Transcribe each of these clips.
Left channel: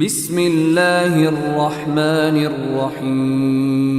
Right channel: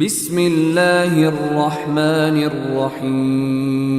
بسم اللہ الرحمن الرحیم.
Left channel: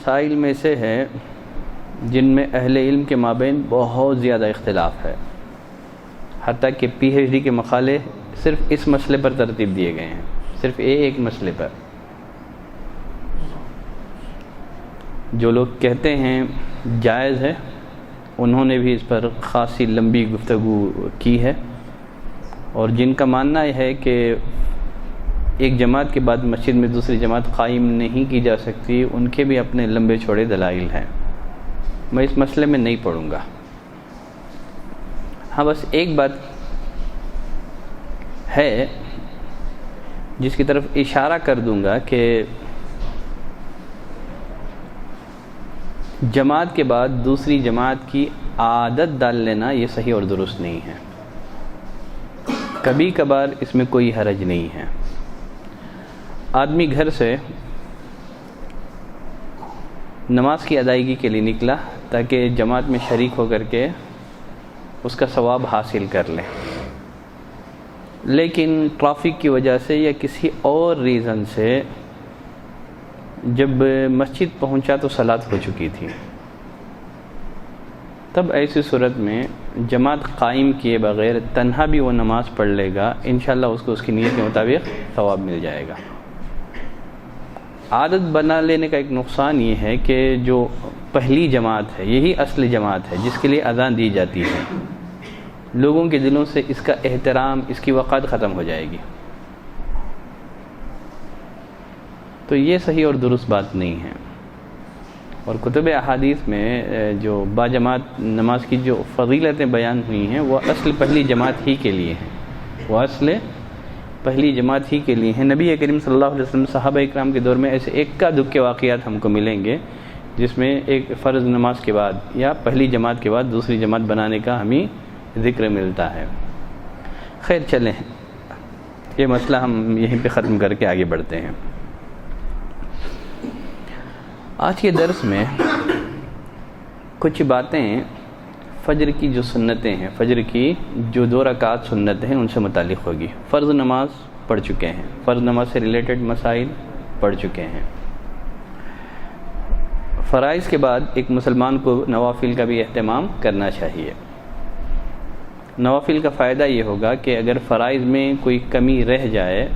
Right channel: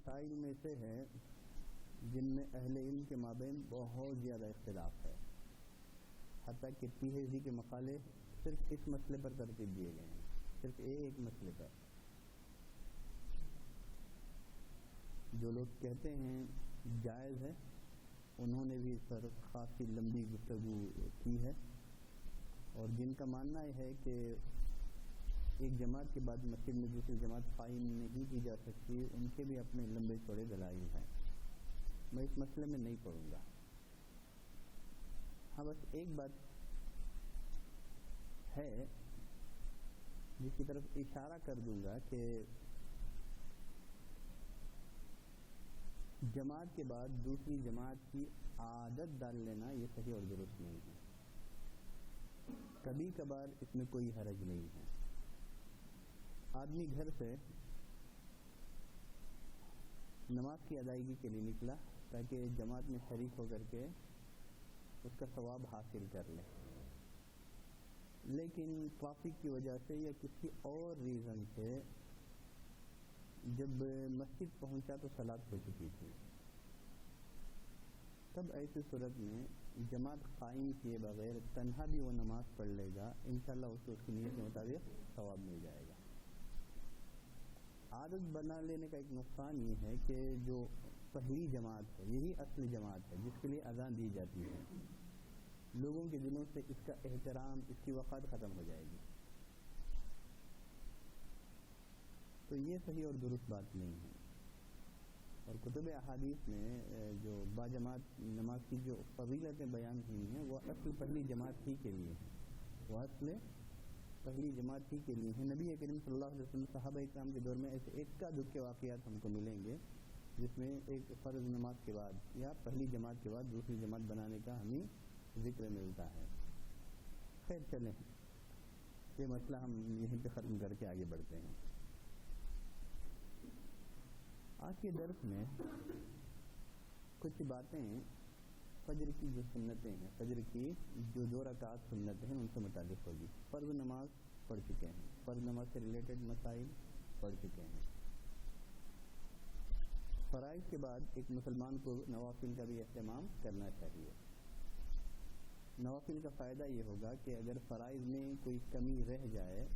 مسائل میں سے ہے جن میں اہل علم کے مابین بہت زیادہ اختلاف ہے، حتیٰ کہ پی ایچ ڈی کے مقالے صرف اس مسئلے پر ترتیب دیے گئے ہیں، صرف ایک مسئلے پر. جو لوگ کہتے ہیں جائز ہے انہوں نے بھی اس پر خاصی لمبی گفتگو کی ہے، اور جن کا ماننا ہے کہ ایک جماعت کے بعد مسجد میں دوسری جماعت قائم نہیں کی جا سکتی، ان کے بھی اپنے لمبے چوڑے دلائل ہیں. میں اس مسئلے میں نہیں پڑھوں گا. ہاں بس ایک بات ہے جس کی طرف اشارہ کر دوں گا کہ جماعت کے بعد دوسری جماعت کی عادت ڈال لینا یہ صحیح اور درست نہیں ہے. کبھی کبھار اس میں کوئی حرج نہیں ہے. آدمی گھر سے نماز کی ادائیگی کے لیے نکلا تاکہ جماعت میں شریک ہو کر کے اس کا ثواب حاصل کر لے، لیکن ٹریفک کی وجہ سے یا کسی اور ریزن سے جب مسجد پہنچا تو صلاۃ ہو چکی تھی. تب ایسی صورت میں جماعت قائم کیے بغیر تنہا بھی وہ نماز پڑھ لے گا، انشاءاللہ اس کو اس کی نیت کے مطابق ثواب مل جائے گا. عادت بنا لینے کا ایک نقصان یہ ہے کہ جو پہلی جماعت ہے یہی اصل جماعت ہے جس کے لیے اذان دی جاتی ہے، لوگوں کے دلوں سے اس کا احترام، اس کی وقار ختم ہو جائے گی. تو یہ صحیح اور درست بات نہیں ہے. اور کتب احادیث میں جو باجماعت نماز کی جو فضیلتیں بیان ہوئی ہیں وہ اصل پہلی جماعت ہی کے لیے ہیں، وہ اصل پہلی جماعت ہی کے لیے ہیں. نبی کریم صلی اللہ علیہ وسلم صحابہ اکرام کے دور میں ایسے اکا دکے واقعات ہم کو ملیں گے جس میں ایک فرض نماز کے بعد یا پہلی جماعت کے بعد دوسری جماعت بنانے کا ہمیں ذکر ملتا ہے. خیر چلیں، یہ مسئلہ ہم یہیں پہ ختم کر کے آگے بڑھتے ہیں. آج کے درس میں کچھ باتیں فجر کی جو سنتیں ہیں، فجر کی جو 2 رکعات سنتیں ہیں ان سے متعلق ہوگی. فرض نماز پڑھ چکے ہیں، فرض نماز سے ریلیٹڈ مسائل پڑھ چکے ہیں. فرائض کے بعد ایک مسلمان کو نوافل کا بھی اہتمام کرنا چاہیے. نوافل کا فائدہ یہ ہوگا کہ اگر فرائض میں کوئی کمی رہ جائے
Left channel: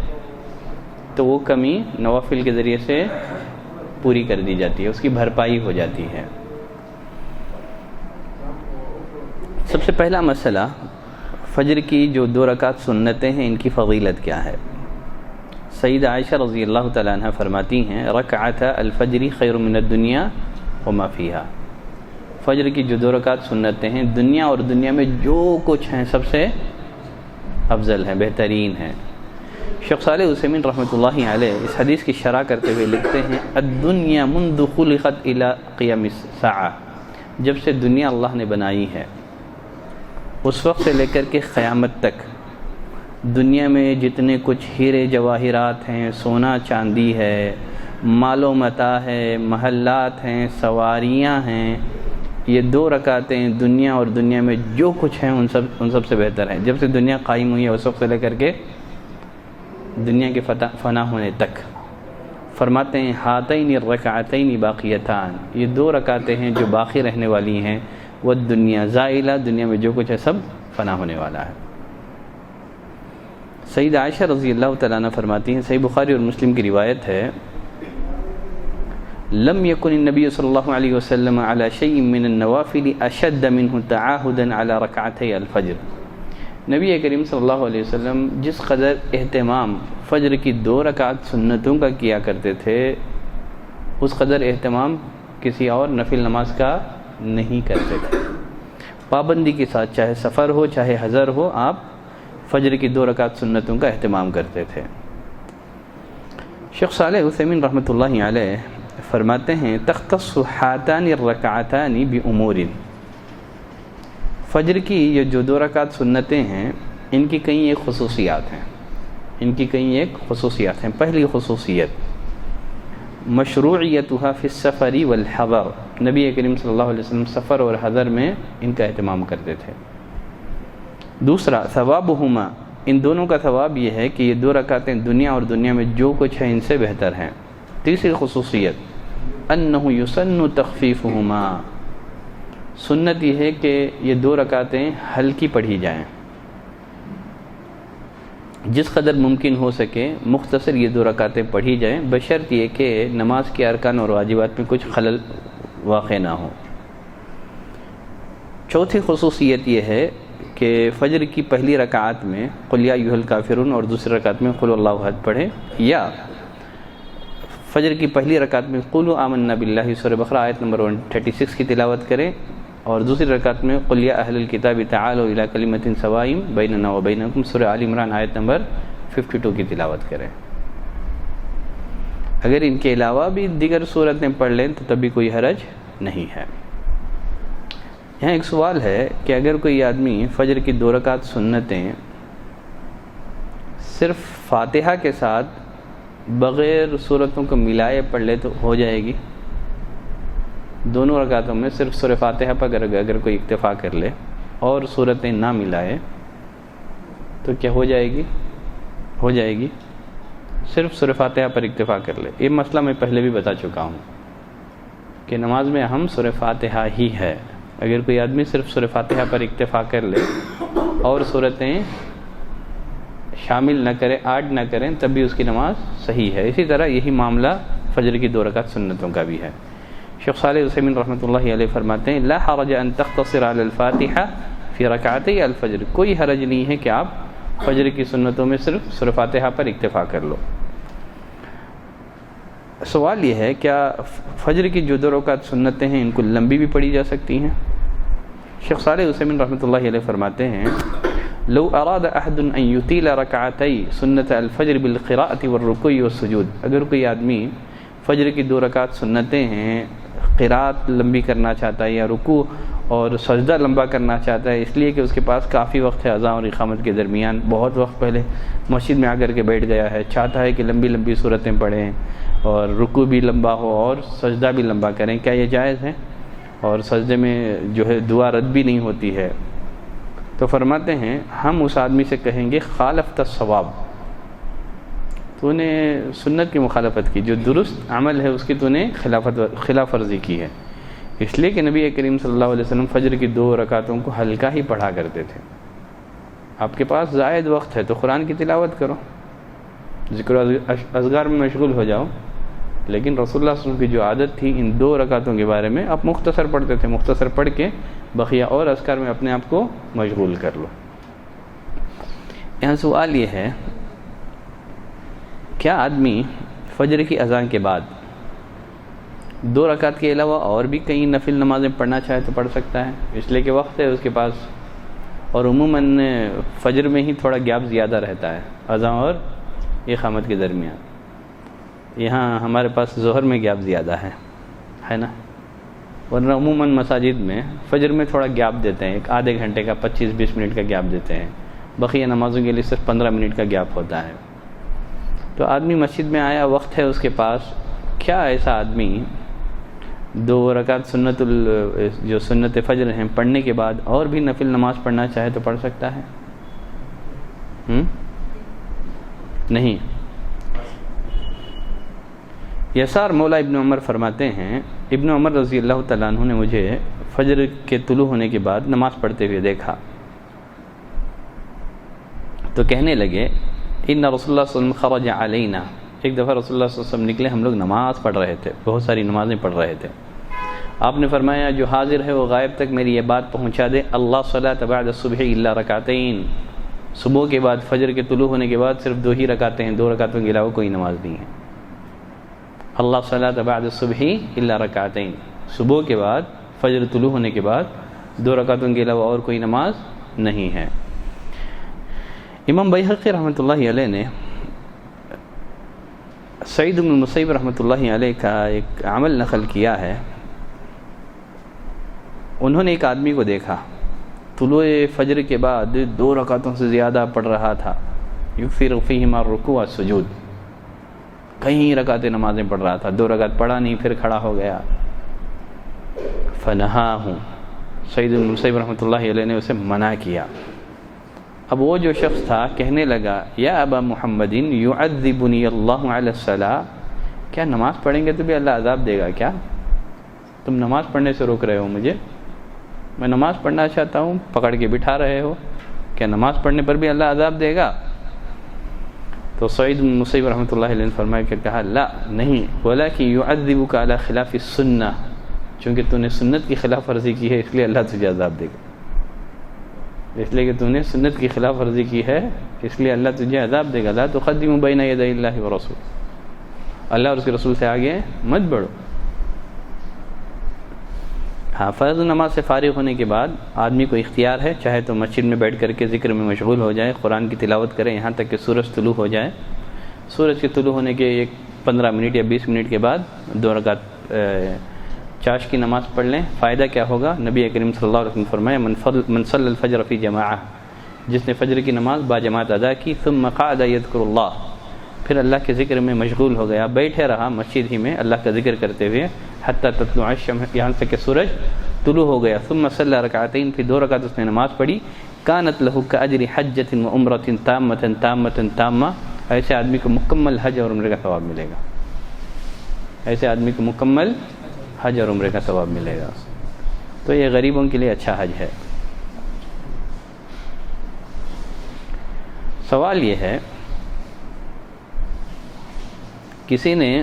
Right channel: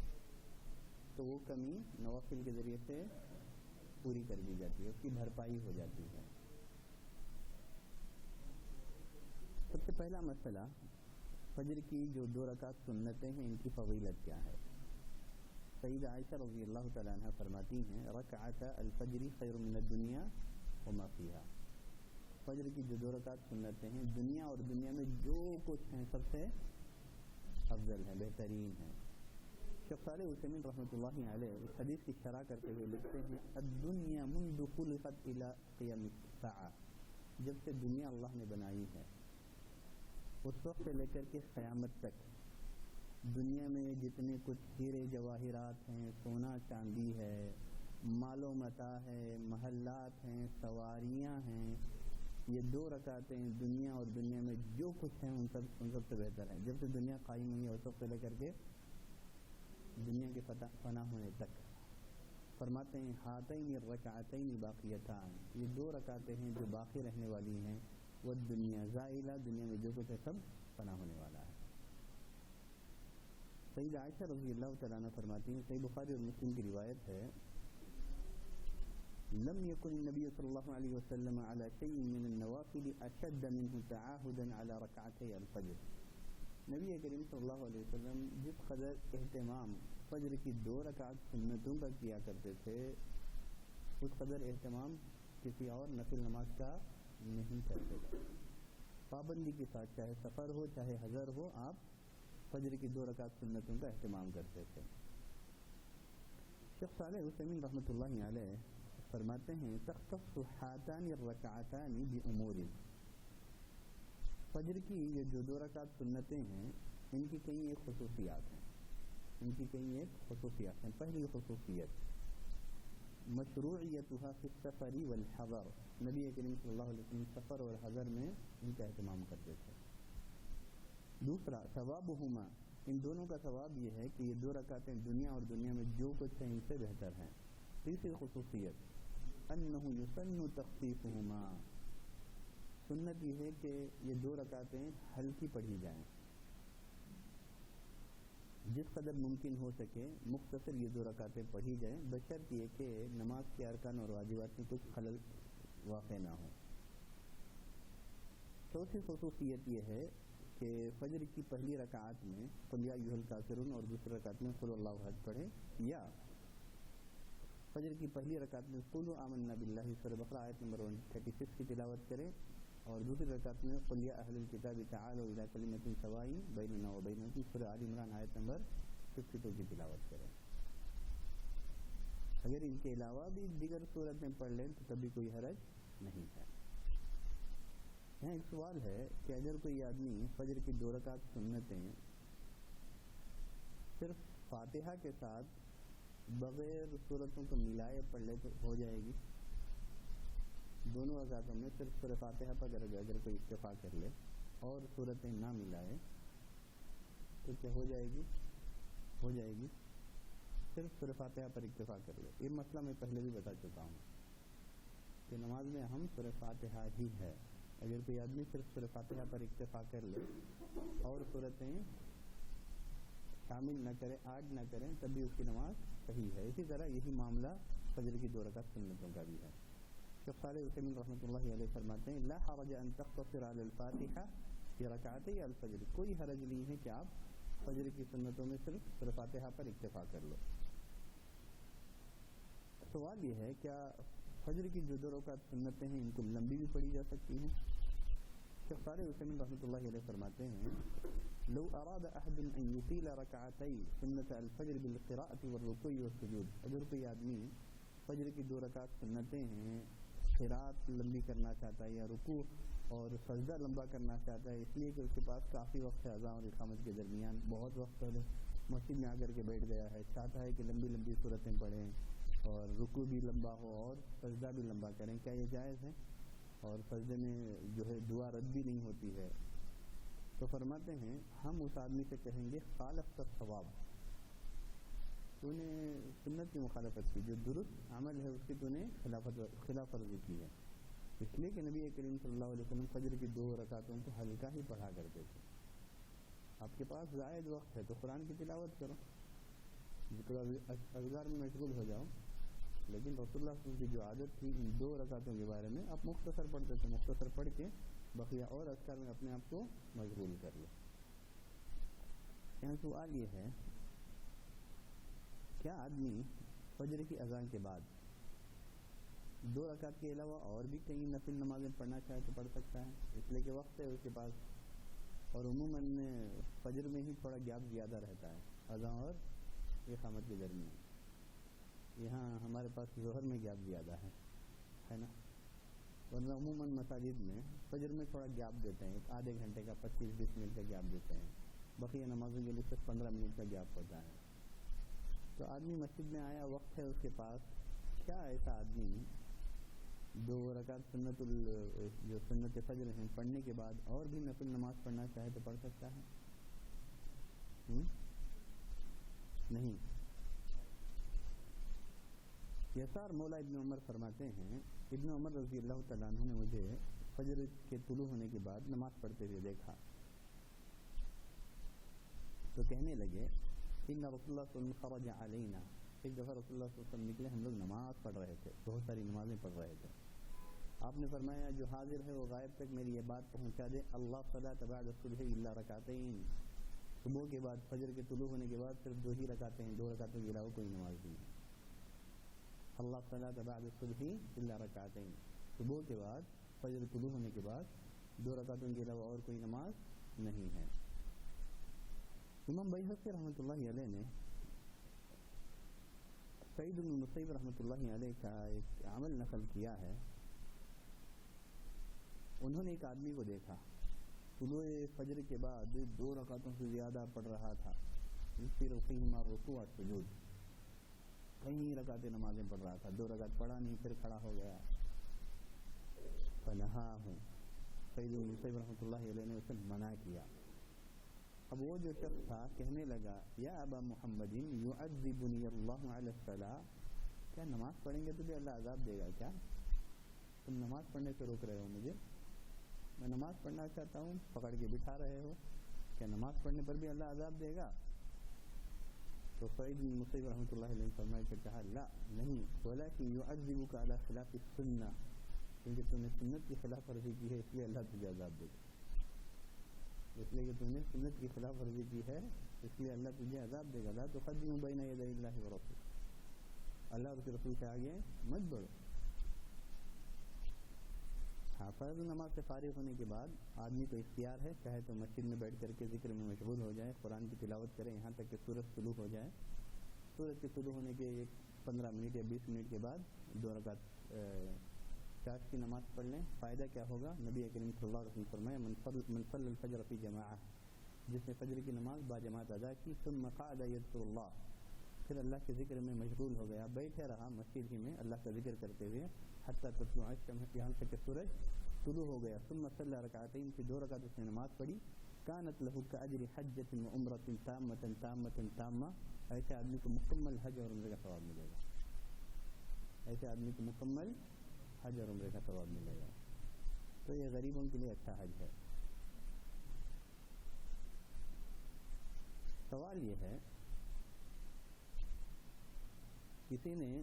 تو وہ کمی نوافل کے ذریعے سے پوری کر دی جاتی ہے، اس کی بھرپائی ہو جاتی ہے. سب سے پہلا مسئلہ فجر کی جو 2 رکعت سنتیں ہیں ان کی فضیلت کیا ہے. سیدہ عائشہ رضی اللہ تعالیٰ عنہ فرماتی ہیں رکعت الفجر خیر من الدنیا وما فیہا. فجر کی جو 2 رکعت سنتیں ہیں دنیا اور دنیا میں جو کچھ ہیں سب سے افضل ہیں، بہترین ہیں. شیخ صالح عثیمین رحمۃ اللہ علیہ اس حدیث کی شرح کرتے ہوئے لکھتے ہیں الدنیا منذ خلقت الى قیام الساعہ. جب سے دنیا اللہ نے بنائی ہے اس وقت سے لے کر کے قیامت تک دنیا میں جتنے کچھ ہیرے جواہرات ہیں، سونا چاندی ہے، مال و متاع ہے، محلات ہیں، سواریاں ہیں، یہ 2 رکعتیں دنیا اور دنیا میں جو کچھ ہیں ان سب سے بہتر ہیں۔ جب سے دنیا قائم ہوئی ہے اس وقت سے لے کر کے دنیا کے فنا ہونے تک فرماتے ہیں ہاتین الرکعتین باقیتان، یہ 2 رکعتیں ہیں جو باقی رہنے والی ہیں، وہ دنیا زائلہ، دنیا میں جو کچھ ہے سب فنا ہونے والا ہے۔ سیدہ عائشہ رضی اللہ تعالیٰ عنہ فرماتی ہیں، صحیح بخاری اور مسلم کی روایت ہے، لم يكن النبي صلی اللہ علیہ وسلم على شيء من النوافل اشد منه تعاهدا على ركعتي الفجر۔ نبی کریم صلی اللہ علیہ وسلم جس قدر اہتمام فجر کی 2 رکعت سنتوں کا کیا کرتے تھے اس قدر اہتمام کسی اور نفل نماز کا نہیں کرتے تھے۔ پابندی کے ساتھ، چاہے سفر ہو چاہے حضر ہو، آپ فجر کی 2 رکعت سنتوں کا اہتمام کرتے تھے۔ شیخ صالح عثیمین رحمۃ اللہ علیہ فرماتے ہیں تختص ہاتان الرکعتان بامور، فجر کی یہ جو 2 رکعت سنتیں ہیں ان کی کئی ایک خصوصیات ہیں۔ پہلی خصوصیت مشروعیتها فی السفر والحضر، نبی کریم صلی اللہ علیہ وسلم سفر اور حضر میں ان کا اہتمام کرتے تھے۔ دوسرا ثوابہما، ان دونوں کا ثواب یہ ہے کہ یہ 2 رکعتیں دنیا اور دنیا میں جو کچھ ہے ان سے بہتر ہیں۔ تیسری خصوصیت انہ یسن تخفیفہما، سنت یہ ہے کہ یہ 2 رکعتیں ہلکی پڑھی جائیں، جس قدر ممکن ہو سکے مختصر یہ 2 رکعتیں پڑھی جائیں، بشرط یہ کہ نماز کے ارکان اور واجبات میں کچھ خلل واقع نہ ہو۔ چوتھی خصوصیت یہ ہے کہ فجر کی پہلی رکعت میں قل یا ایھا الکافرون اور دوسری رکعت میں قل اللہ احد پڑھیں، یا فجر کی پہلی رکعت میں قولوا آمنا باللہ سورہ بقرہ آیت نمبر 136 کی تلاوت کریں، اور دوسری رکعت میں قل یا اہل الکتاب تعالوا الی کلمۃ سواء بیننا وبینکم سورہ آل عمران آیت نمبر 52 کی تلاوت کریں۔ اگر ان کے علاوہ بھی دیگر صورتیں پڑھ لیں تو تب بھی کوئی حرج نہیں ہے۔ یہاں ایک سوال ہے کہ اگر کوئی آدمی فجر کی 2 رکعت سنتیں صرف فاتحہ کے ساتھ بغیر صورتوں کو ملائے پڑھ لے تو ہو جائے گی؟ دونوں رکعتوں میں صرف سورہ فاتحہ پر اگر کوئی اکتفا کر لے اور صورتیں نہ ملائے تو کیا ہو جائے گی؟ ہو جائے گی، صرف سورہ فاتحہ پر اکتفا کر لے۔ یہ مسئلہ میں پہلے بھی بتا چکا ہوں کہ نماز میں اہم سورہ فاتحہ ہی ہے۔ اگر کوئی آدمی صرف سورہ فاتحہ پر اکتفا کر لے اور صورتیں شامل نہ کرے، ایڈ نہ کریں، تب بھی اس کی نماز صحیح ہے۔ اسی طرح یہی معاملہ فجر کی 2 رکعت سنتوں کا بھی ہے۔ شیخ صالح عثیمین رحمۃ اللہ علیہ فرماتے ہیں لا حرج ان تختصر علی الفاتحہ فی رکعتی الفجر، کوئی حرج نہیں ہے کہ آپ فجر کی سنتوں میں صرف سورہ فاتحہ پر اکتفا کر لو۔ سوال یہ ہے کیا فجر کی جو 2 رکعت سنتیں ہیں ان کو لمبی بھی پڑھی جا سکتی ہیں؟ شیخ صالح عثیمین رحمۃ اللہ علیہ فرماتے ہیں لو اراد احد ان یطیل رکعتی سنت الفجر بالقراءۃ والرکوع والسجود، اگر کوئی آدمی فجر کی 2 رکعت سنتیں ہیں قراءت لمبی کرنا چاہتا ہے یا رکوع اور سجدہ لمبا کرنا چاہتا ہے، اس لیے کہ اس کے پاس کافی وقت ہے اذان اور اقامت کے درمیان، بہت وقت پہلے مسجد میں آ کر کے بیٹھ گیا ہے، چاہتا ہے کہ لمبی لمبی صورتیں پڑھیں اور رکوع بھی لمبا ہو اور سجدہ بھی لمبا کریں، کیا یہ جائز ہے؟ اور سجدے میں جو ہے دعا رد بھی نہیں ہوتی ہے، تو فرماتے ہیں ہم اس آدمی سے کہیں گے خالفت الصواب، تو نے سنت کی مخالفت کی، جو درست عمل ہے اس کی تو نے خلاف ورزی کی ہے، اس لیے کہ نبی کریم صلی اللہ علیہ وسلم فجر کی 2 رکعتوں کو ہلکا ہی پڑھا کرتے تھے۔ آپ کے پاس زائد وقت ہے تو قرآن کی تلاوت کرو، ذکر اذکار میں مشغول ہو جاؤ، لیکن رسول اللہ صلی اللہ علیہ وسلم کی جو عادت تھی ان 2 رکعتوں کے بارے میں آپ مختصر پڑھتے تھے، مختصر پڑھ کے بقیہ اور اذکار میں اپنے آپ کو مشغول کر لو۔ یہاں سوال یہ ہے کیا آدمی فجر کی اذان کے بعد 2 رکعت کے علاوہ اور بھی کئی نفل نمازیں پڑھنا چاہے تو پڑھ سکتا ہے؟ اس لیے کہ وقت ہے اس کے پاس، اور عموماً فجر میں ہی تھوڑا گیپ زیادہ رہتا ہے اذان اور اقامت کے درمیان، یہاں ہمارے پاس ظہر میں گیپ زیادہ ہے نا، ورنہ عموماً مساجد میں فجر میں تھوڑا گیپ دیتے ہیں، ایک آدھے گھنٹے کا 25-20 منٹ کا گیپ دیتے ہیں، بقیہ نمازوں کے لیے صرف 15 منٹ کا گیپ ہوتا ہے۔ تو آدمی مسجد میں آیا، وقت ہے اس کے پاس، کیا ایسا آدمی 2 رکعت جو سنت فجر ہیں پڑھنے کے بعد اور بھی نفل نماز پڑھنا چاہے تو پڑھ سکتا ہے؟ نہیں۔ یسار مولا ابن عمر فرماتے ہیں، ابن عمر رضی اللہ تعالیٰ عنہ نے مجھے فجر کے طلوع ہونے کے بعد نماز پڑھتے ہوئے دیکھا تو کہنے لگے ان رسول اللہ صلی اللہ علیہ وسلم خرج علینا، ایک دفعہ رسول اللہ صلی اللہ علیہ وسلم نکلے، ہم لوگ نماز پڑھ رہے تھے، بہت ساری نمازیں پڑھ رہے تھے۔ آپ نے فرمایا جو حاضر ہے وہ غائب تک میری یہ بات پہنچا دے، اللہ صلاۃ بعد الصبح الا رکعتین، صبح کے بعد فجر کے طلوع ہونے کے بعد صرف 2 ہی رکعتیں ہیں، 2 رکعتوں کے علاوہ کوئی نماز نہیں ہے۔ اللہ صلاۃ بعد الصبح الا رکعتین، صبح کے بعد فجر طلوع ہونے کے بعد 2 رکعتوں کے علاوہ اور کوئی نماز نہیں ہے۔ امام بیہقی رحمۃ اللہ علیہ نے سعید بن المسیب رحمۃ اللہ علیہ کا ایک عمل نقل کیا ہے۔ انہوں نے ایک آدمی کو دیکھا طلوع فجر کے بعد 2 رکعتوں سے زیادہ پڑھ رہا تھا، یکثر فیہما الرکوع والسجود، کئی رکعتیں نمازیں پڑھ رہا تھا، 2 رکعت پڑھا نہیں پھر کھڑا ہو گیا۔ فنہاہ، سعید بن المسیب رحمۃ اللہ علیہ نے اسے منع کیا۔ اب وہ جو شخص تھا کہنے لگا یا ابا محمد یعذبنی اللہ علی الصلاۃ، کیا نماز پڑھیں گے تو بھی اللہ عذاب دے گا کیا؟ تم نماز پڑھنے سے روک رہے ہو مجھے، میں نماز پڑھنا چاہتا ہوں، پکڑ کے بٹھا رہے ہو، کیا نماز پڑھنے پر بھی اللہ عذاب دے گا؟ تو سعید بن مسیب رحمۃ اللہ علیہ نے فرمایا کہ کہا لا نہیں، ولکن یعذبک علی خلاف السنہ، چونکہ تو نے سنت کی خلاف ورزی کی ہے اس لیے اللہ تجھے عذاب دے گا، اس لیے کہ تو نے سنت کی خلاف ورزی کی ہے اس لیے اللہ تجھے عذاب دے گا۔ لا تقدموا بین یدی اللہ ورسول، اللہ اور اس کے رسول سے آگے مت بڑھو۔ ہاں، فرض نماز سے فارغ ہونے کے بعد آدمی کو اختیار ہے، چاہے تو مسجد میں بیٹھ کر کے ذکر میں مشغول ہو جائے، قرآن کی تلاوت کرے یہاں تک کہ سورج طلوع ہو جائے۔ سورج کے طلوع ہونے کے 15 منٹ یا 20 منٹ کے بعد 2 رکعت چاش کی نماز پڑھ لیں۔ فائدہ کیا ہوگا؟ نبی کریم صلی اللہ علیہ وسلم فرمایا من صلی الفجر فی جماعہ، جس نے فجر کی نماز با جماعت ادا کی، ثم قعد یذکر اللہ، پھر اللہ کے ذکر میں مشغول ہو گیا، بیٹھے رہا مسجد ہی میں اللہ کا ذکر کرتے ہوئے، حتی تطلع الشمس، یہاں سے کہ سورج طلوع ہو گیا، ثم صلی رکعتین، پھر 2 رکعت اس نے نماز پڑھی، کانت لہ کاجر حجۃ و عمرۃ تامۃ تامۃ تامہ، ایسے آدمی کو مکمل حج اور عمرے کا ثواب ملے گا، ایسے آدمی کو مکمل حج اور عمرے کا ثواب ملے گا۔ تو یہ غریبوں کے لیے اچھا حج ہے۔ سوال یہ ہے، کسی نے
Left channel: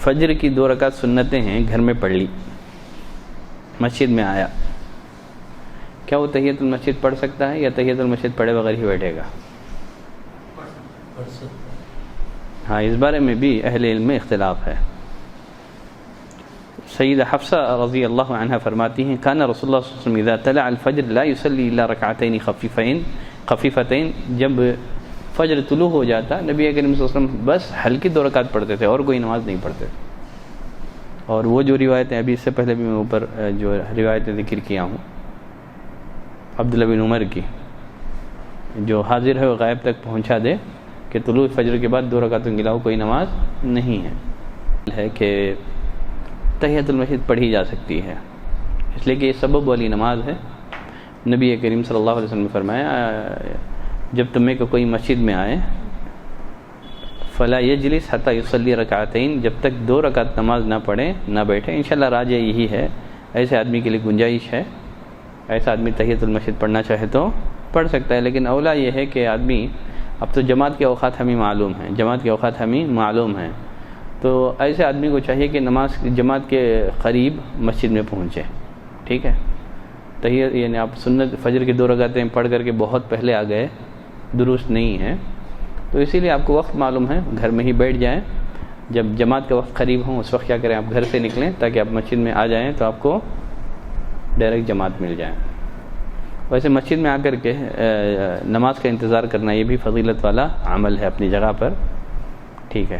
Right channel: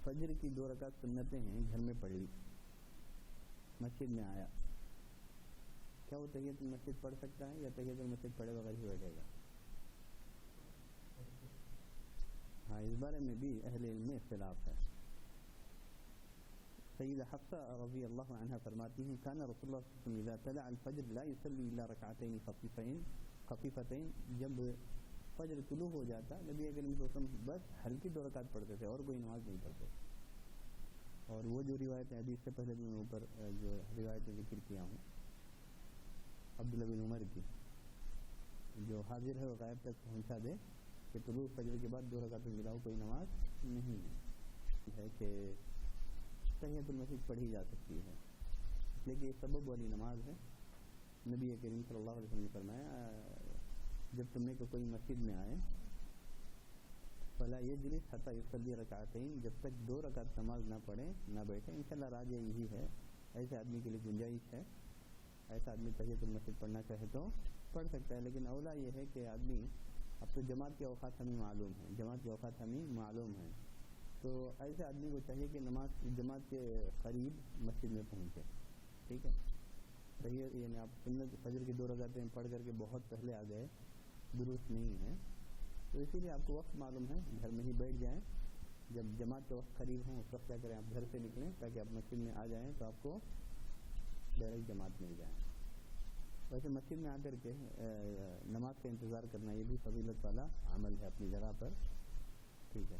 فجر کی 2 رکعت سنتیں ہیں گھر میں پڑھ لی، مسجد میں آیا، کیا وہ تحیۃ المسجد پڑھ سکتا ہے یا تحیۃ المسجد پڑھے بغیر ہی بیٹھے گا؟ ہاں، اس بارے میں بھی اہل علم میں اختلاف ہے۔ سیدہ حفصہ رضی اللہ عنہ فرماتی ہیں کان رسول اللہ صلی اللہ علیہ وسلم اذا طلع الفجر لا يصلي الا رکعتین خفیفتین، جب فجر طلوع ہو جاتا نبی کریم صلی اللہ علیہ وسلم بس ہلکی 2 رکعت پڑھتے تھے اور کوئی نماز نہیں پڑھتے۔ اور وہ جو روایتیں ابھی اس سے پہلے بھی میں اوپر جو روایتیں ذکر کیا ہوں عبداللہ بن عمر کی، جو حاضر ہے وہ غائب تک پہنچا دے کہ طلوع فجر کے بعد 2 رکعتوں کے علاوہ کوئی نماز نہیں ہے کہ تحیۃ المسجد پڑھی جا سکتی ہے، اس لیے کہ یہ سبب والی نماز ہے۔ نبی کریم صلی اللہ علیہ وسلم نے فرمایا جب تمہیں کو کوئی مسجد میں آئے فلا یجلس حتی یصلی رکعتین، جب تک 2 رکعت نماز نہ پڑھے نہ بیٹھے۔ انشاءاللہ راجع یہی ہے، ایسے آدمی کے لیے گنجائش ہے، ایسا آدمی تحیۃ المسجد پڑھنا چاہے تو پڑھ سکتا ہے، لیکن اولا یہ ہے کہ آدمی، اب تو جماعت کے اوقات ہمیں معلوم ہیں، تو ایسے آدمی کو چاہیے کہ جماعت کے قریب مسجد میں پہنچے، ٹھیک ہے۔ تحیت یعنی آپ سنت فجر کی 2 رکعتیں پڑھ کر کے بہت پہلے آ گئے، درست نہیں ہے، تو اسی لیے آپ کو وقت معلوم ہے، گھر میں ہی بیٹھ جائیں، جب جماعت کا وقت قریب ہوں اس وقت کیا کریں، آپ گھر سے نکلیں تاکہ آپ مسجد میں آ جائیں تو آپ کو ڈائریکٹ جماعت مل جائے۔ ویسے مسجد میں آ کر کے نماز کا انتظار کرنا یہ بھی فضیلت والا عمل ہے اپنی جگہ پر، ٹھیک ہے۔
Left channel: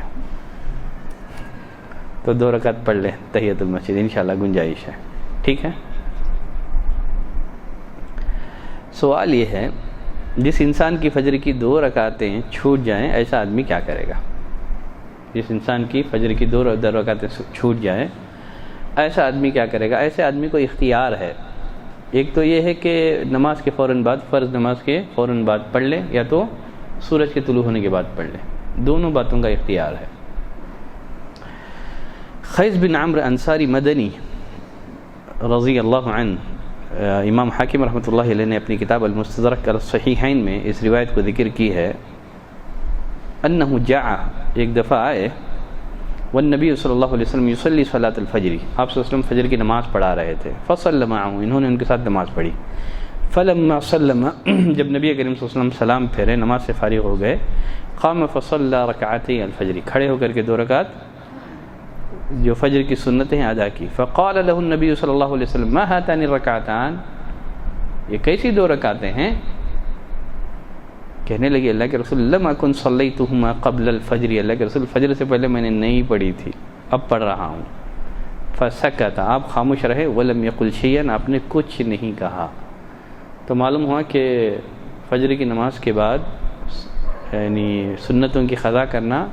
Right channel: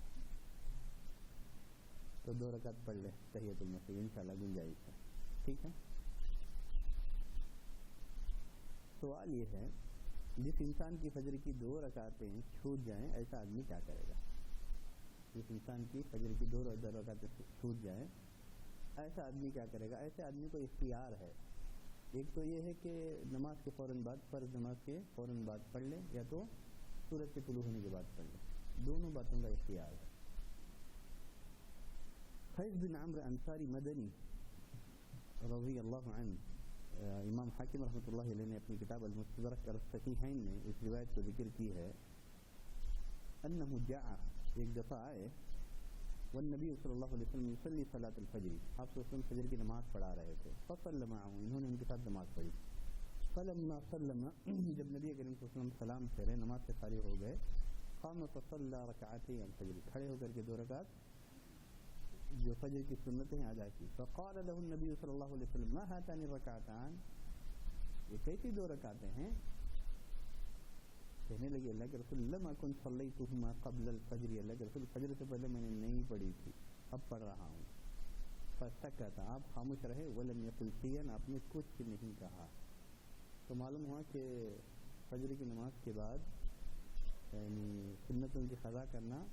تو 2 رکعت پڑھ لیں تحیۃ المسجد، انشاءاللہ گنجائش ہے، ٹھیک ہے۔ سوال یہ ہے جس انسان کی فجر کی 2 رکعتیں چھوٹ جائیں ایسا آدمی کیا کرے گا؟ جس انسان کی فجر کی 2 رکعتیں چھوٹ جائیں ایسا آدمی کیا کرے گا؟ ایسے آدمی کو اختیار ہے، ایک تو یہ ہے کہ نماز کے فوراً بعد، فرض نماز کے فوراً بعد پڑھ لے، یا تو سورج کے طلوع ہونے کے بعد پڑھ لے، دونوں باتوں کا اختیار ہے۔ خیس بن عمرو انصاری مدنی رضی اللہ عنہ، امام حاکم رحمۃ اللہ علیہ نے اپنی کتاب المستدرک الصحیحین میں اس روایت کو ذکر کی ہے، انہ جاء، ایک دفعہ آئے، والنبی صلی اللہ علیہ وسلم یصلی صلاۃ الفجر، آپ صلی اللہ علیہ وسلم فجر کی نماز پڑھا رہے تھے، فصلی معہ، انہوں نے ان کے ساتھ نماز پڑھی، فلما سلم، جب نبی کریم صلی اللہ علیہ وسلم سلام پھیرے، نماز سے فارغ ہو گئے، قام فصلی رکعتي الفجر، کھڑے ہو کر کے 2 رکعت جو فجر کی سنتیں ادا کی، فقال له النبی صلی اللہ علیہ وسلم ما هاتان الرکعتان، یہ کیسی 2 رکعتیں ہیں؟ کہنے لگے اللہ کے رسول لم اکن صلیتهما قبل الفجر، اللہ کے رسول فجر سے پہلے میں نے نہیں پڑھی تھی، اب پڑھ رہا ہوں۔ فسکت، آپ خاموش رہے، ولم یقل شیئا، آپ نے کچھ نہیں کہا۔ تو معلوم ہوا کہ فجر کی نماز کے بعد یعنی سنتوں کی قضا کرنا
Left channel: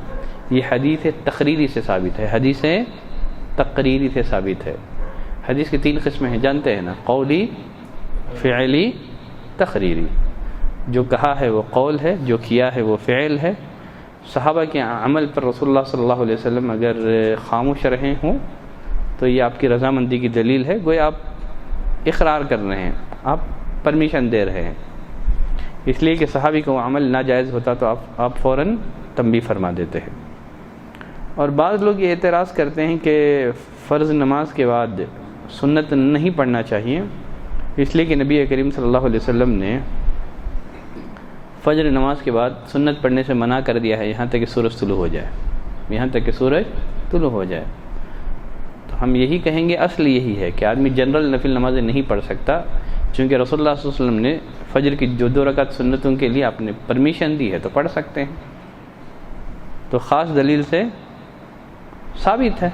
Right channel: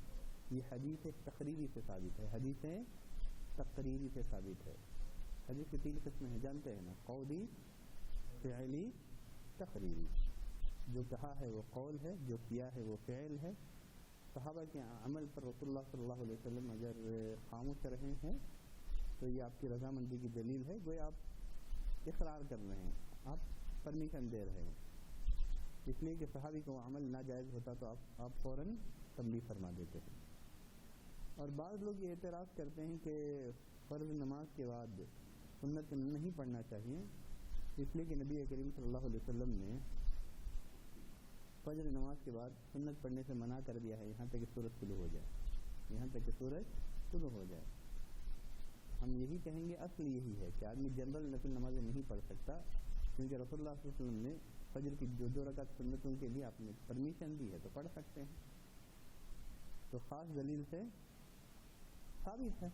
یہ حدیث تقریری سے ثابت ہے، حدیث تقریری سے ثابت ہے۔ حدیث کی 3 قسمیں ہیں، جانتے ہیں نا، قولی، فعلی، تقریری۔ جو کہا ہے وہ قول ہے، جو کیا ہے وہ فعل ہے۔ صحابہ کے عمل پر رسول اللہ صلی اللہ علیہ وسلم اگر خاموش رہے ہوں تو یہ آپ کی رضامندی کی دلیل ہے، گویا آپ اقرار کر رہے ہیں، آپ پرمیشن دے رہے ہیں، اس لیے کہ صحابی کو وہ عمل ناجائز ہوتا تو آپ فوراً تنبیہ فرما دیتے ہیں۔ اور بعض لوگ یہ اعتراض کرتے ہیں کہ فرض نماز کے بعد سنت نہیں پڑھنا چاہیے، اس لیے کہ نبی کریم صلی اللہ علیہ وسلم نے فجر نماز کے بعد سنت پڑھنے سے منع کر دیا ہے، یہاں تک کہ سورج طلوع ہو جائے، یہاں تک کہ سورج طلوع ہو جائے۔ تو ہم یہی کہیں گے، اصل یہی ہے کہ آدمی جنرل نفل نمازیں نہیں پڑھ سکتا، چونکہ رسول اللہ صلی اللہ علیہ وسلم نے فجر کی جو 2 رکعت سنتوں کے لیے آپ نے پرمیشن دی ہے تو پڑھ سکتے ہیں، تو خاص دلیل سے ثابت ہے۔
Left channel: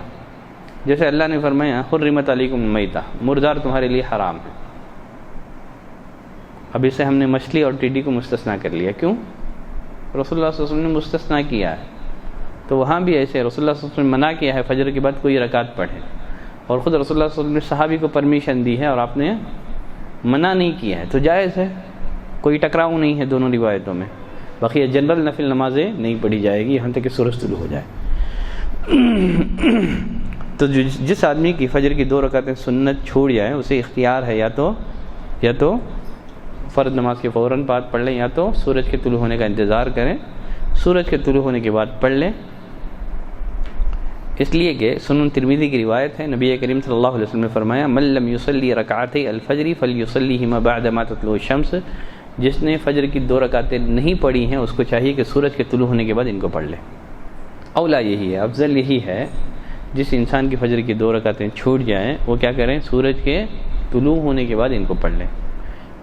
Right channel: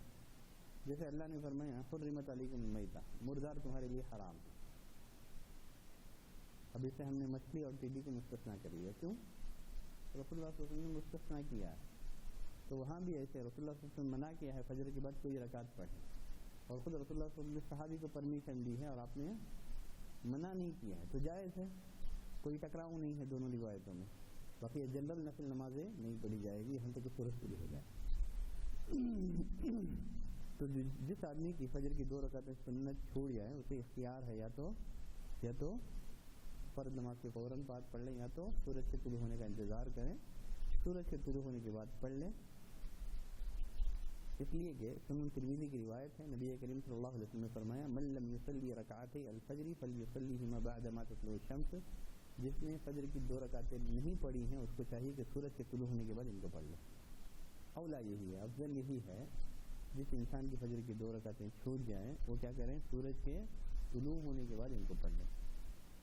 جیسے اللہ نے فرمایا حرمت علیکم المیتہ، مردار تمہارے لیے حرام ہے، اب اسے ہم نے مچھلی اور ٹڈی کو مستثنا کر لیا، کیوں؟ رسول اللہ صلی اللہ علیہ وسلم نے مستثنا کیا ہے، تو وہاں بھی ایسے رسول اللہ صلی اللہ علیہ وسلم نے منع کیا ہے فجر کے بعد کوئی رکعت پڑھے، اور خود رسول اللہ صلی اللہ علیہ وسلم نے صحابی کو پرمیشن دی ہے اور آپ نے منع نہیں کیا ہے، تو جائز ہے، کوئی ٹکراؤ نہیں ہے دونوں روایتوں میں۔ باقی جنرل نفل نمازیں نہیں پڑھی جائے گی یہاں تک کہ سورج طلوع ہو جائے۔ تو جس آدمی کی فجر کی 2 رکعتیں سنت چھوٹ جائیں اسے اختیار ہے، یا تو فرض نماز کے فوراً بعد پڑھ لیں، یا تو سورج کے طلوع ہونے کا انتظار کریں، سورج کے طلوع ہونے کے بعد پڑھ لیں، اس لیے کہ سنن ترمذی کی روایت ہے، نبی کریم صلی اللہ علیہ وسلم نے فرمایا من لم یصلی رکعتي الفجر فلیصلیہما بعد ما تطلع الشمس، جس نے فجر کی 2 رکعتیں نہیں پڑھی ہیں اس کو چاہیے کہ سورج کے طلوع ہونے کے بعد ان کو پڑھ لے۔ اولا یہی ہے، افضل یہی ہے، جس انسان کی فجر کی 2 رکعتیں چھوٹ جائیں وہ کیا کریں، سورج کے طلوع ہونے کے بعد ان کو پڑھ لیں،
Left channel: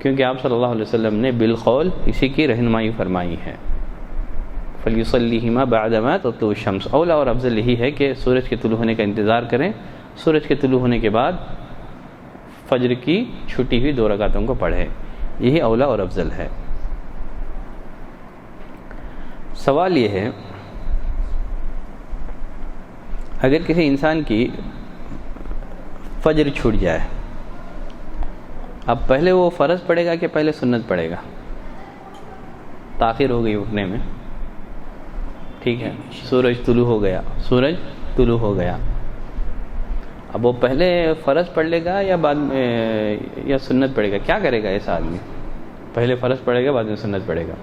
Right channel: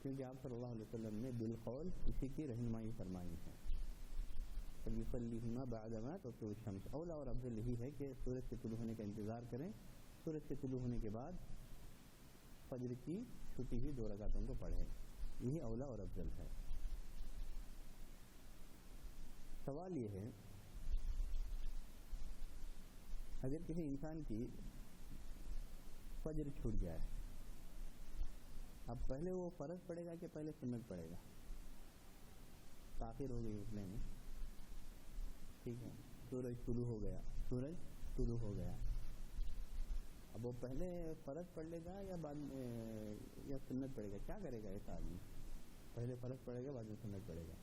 کیونکہ آپ صلی اللہ علیہ وسلم نے بالقول اسی کی رہنمائی فرمائی ہے، فلیصلیہما بعد ما تطلع الشمس۔ اولا اور افضل یہی ہے کہ سورج کے طلوع ہونے کا انتظار کریں، سورج کے طلوع ہونے کے بعد فجر کی چھٹی ہوئی 2 رکعتوں کو پڑھیں، یہی اولا اور افضل ہے۔ سوال یہ ہے اگر کسی انسان کی فجر چھوٹ جائے، اب پہلے وہ فرض پڑھے گا کہ پہلے سنت پڑھے گا؟ تاخیر ہو گئی اٹھنے میں، ٹھیک ہے، سورج طلوع ہو گیا، اب وہ پہلے فرض پڑھ لے گا یا بعد میں یا سنت پڑھے گا؟ کیا کرے گا ایسا آدمی؟ پہلے فرض پڑھے گا بعد میں سنت پڑھے گا؟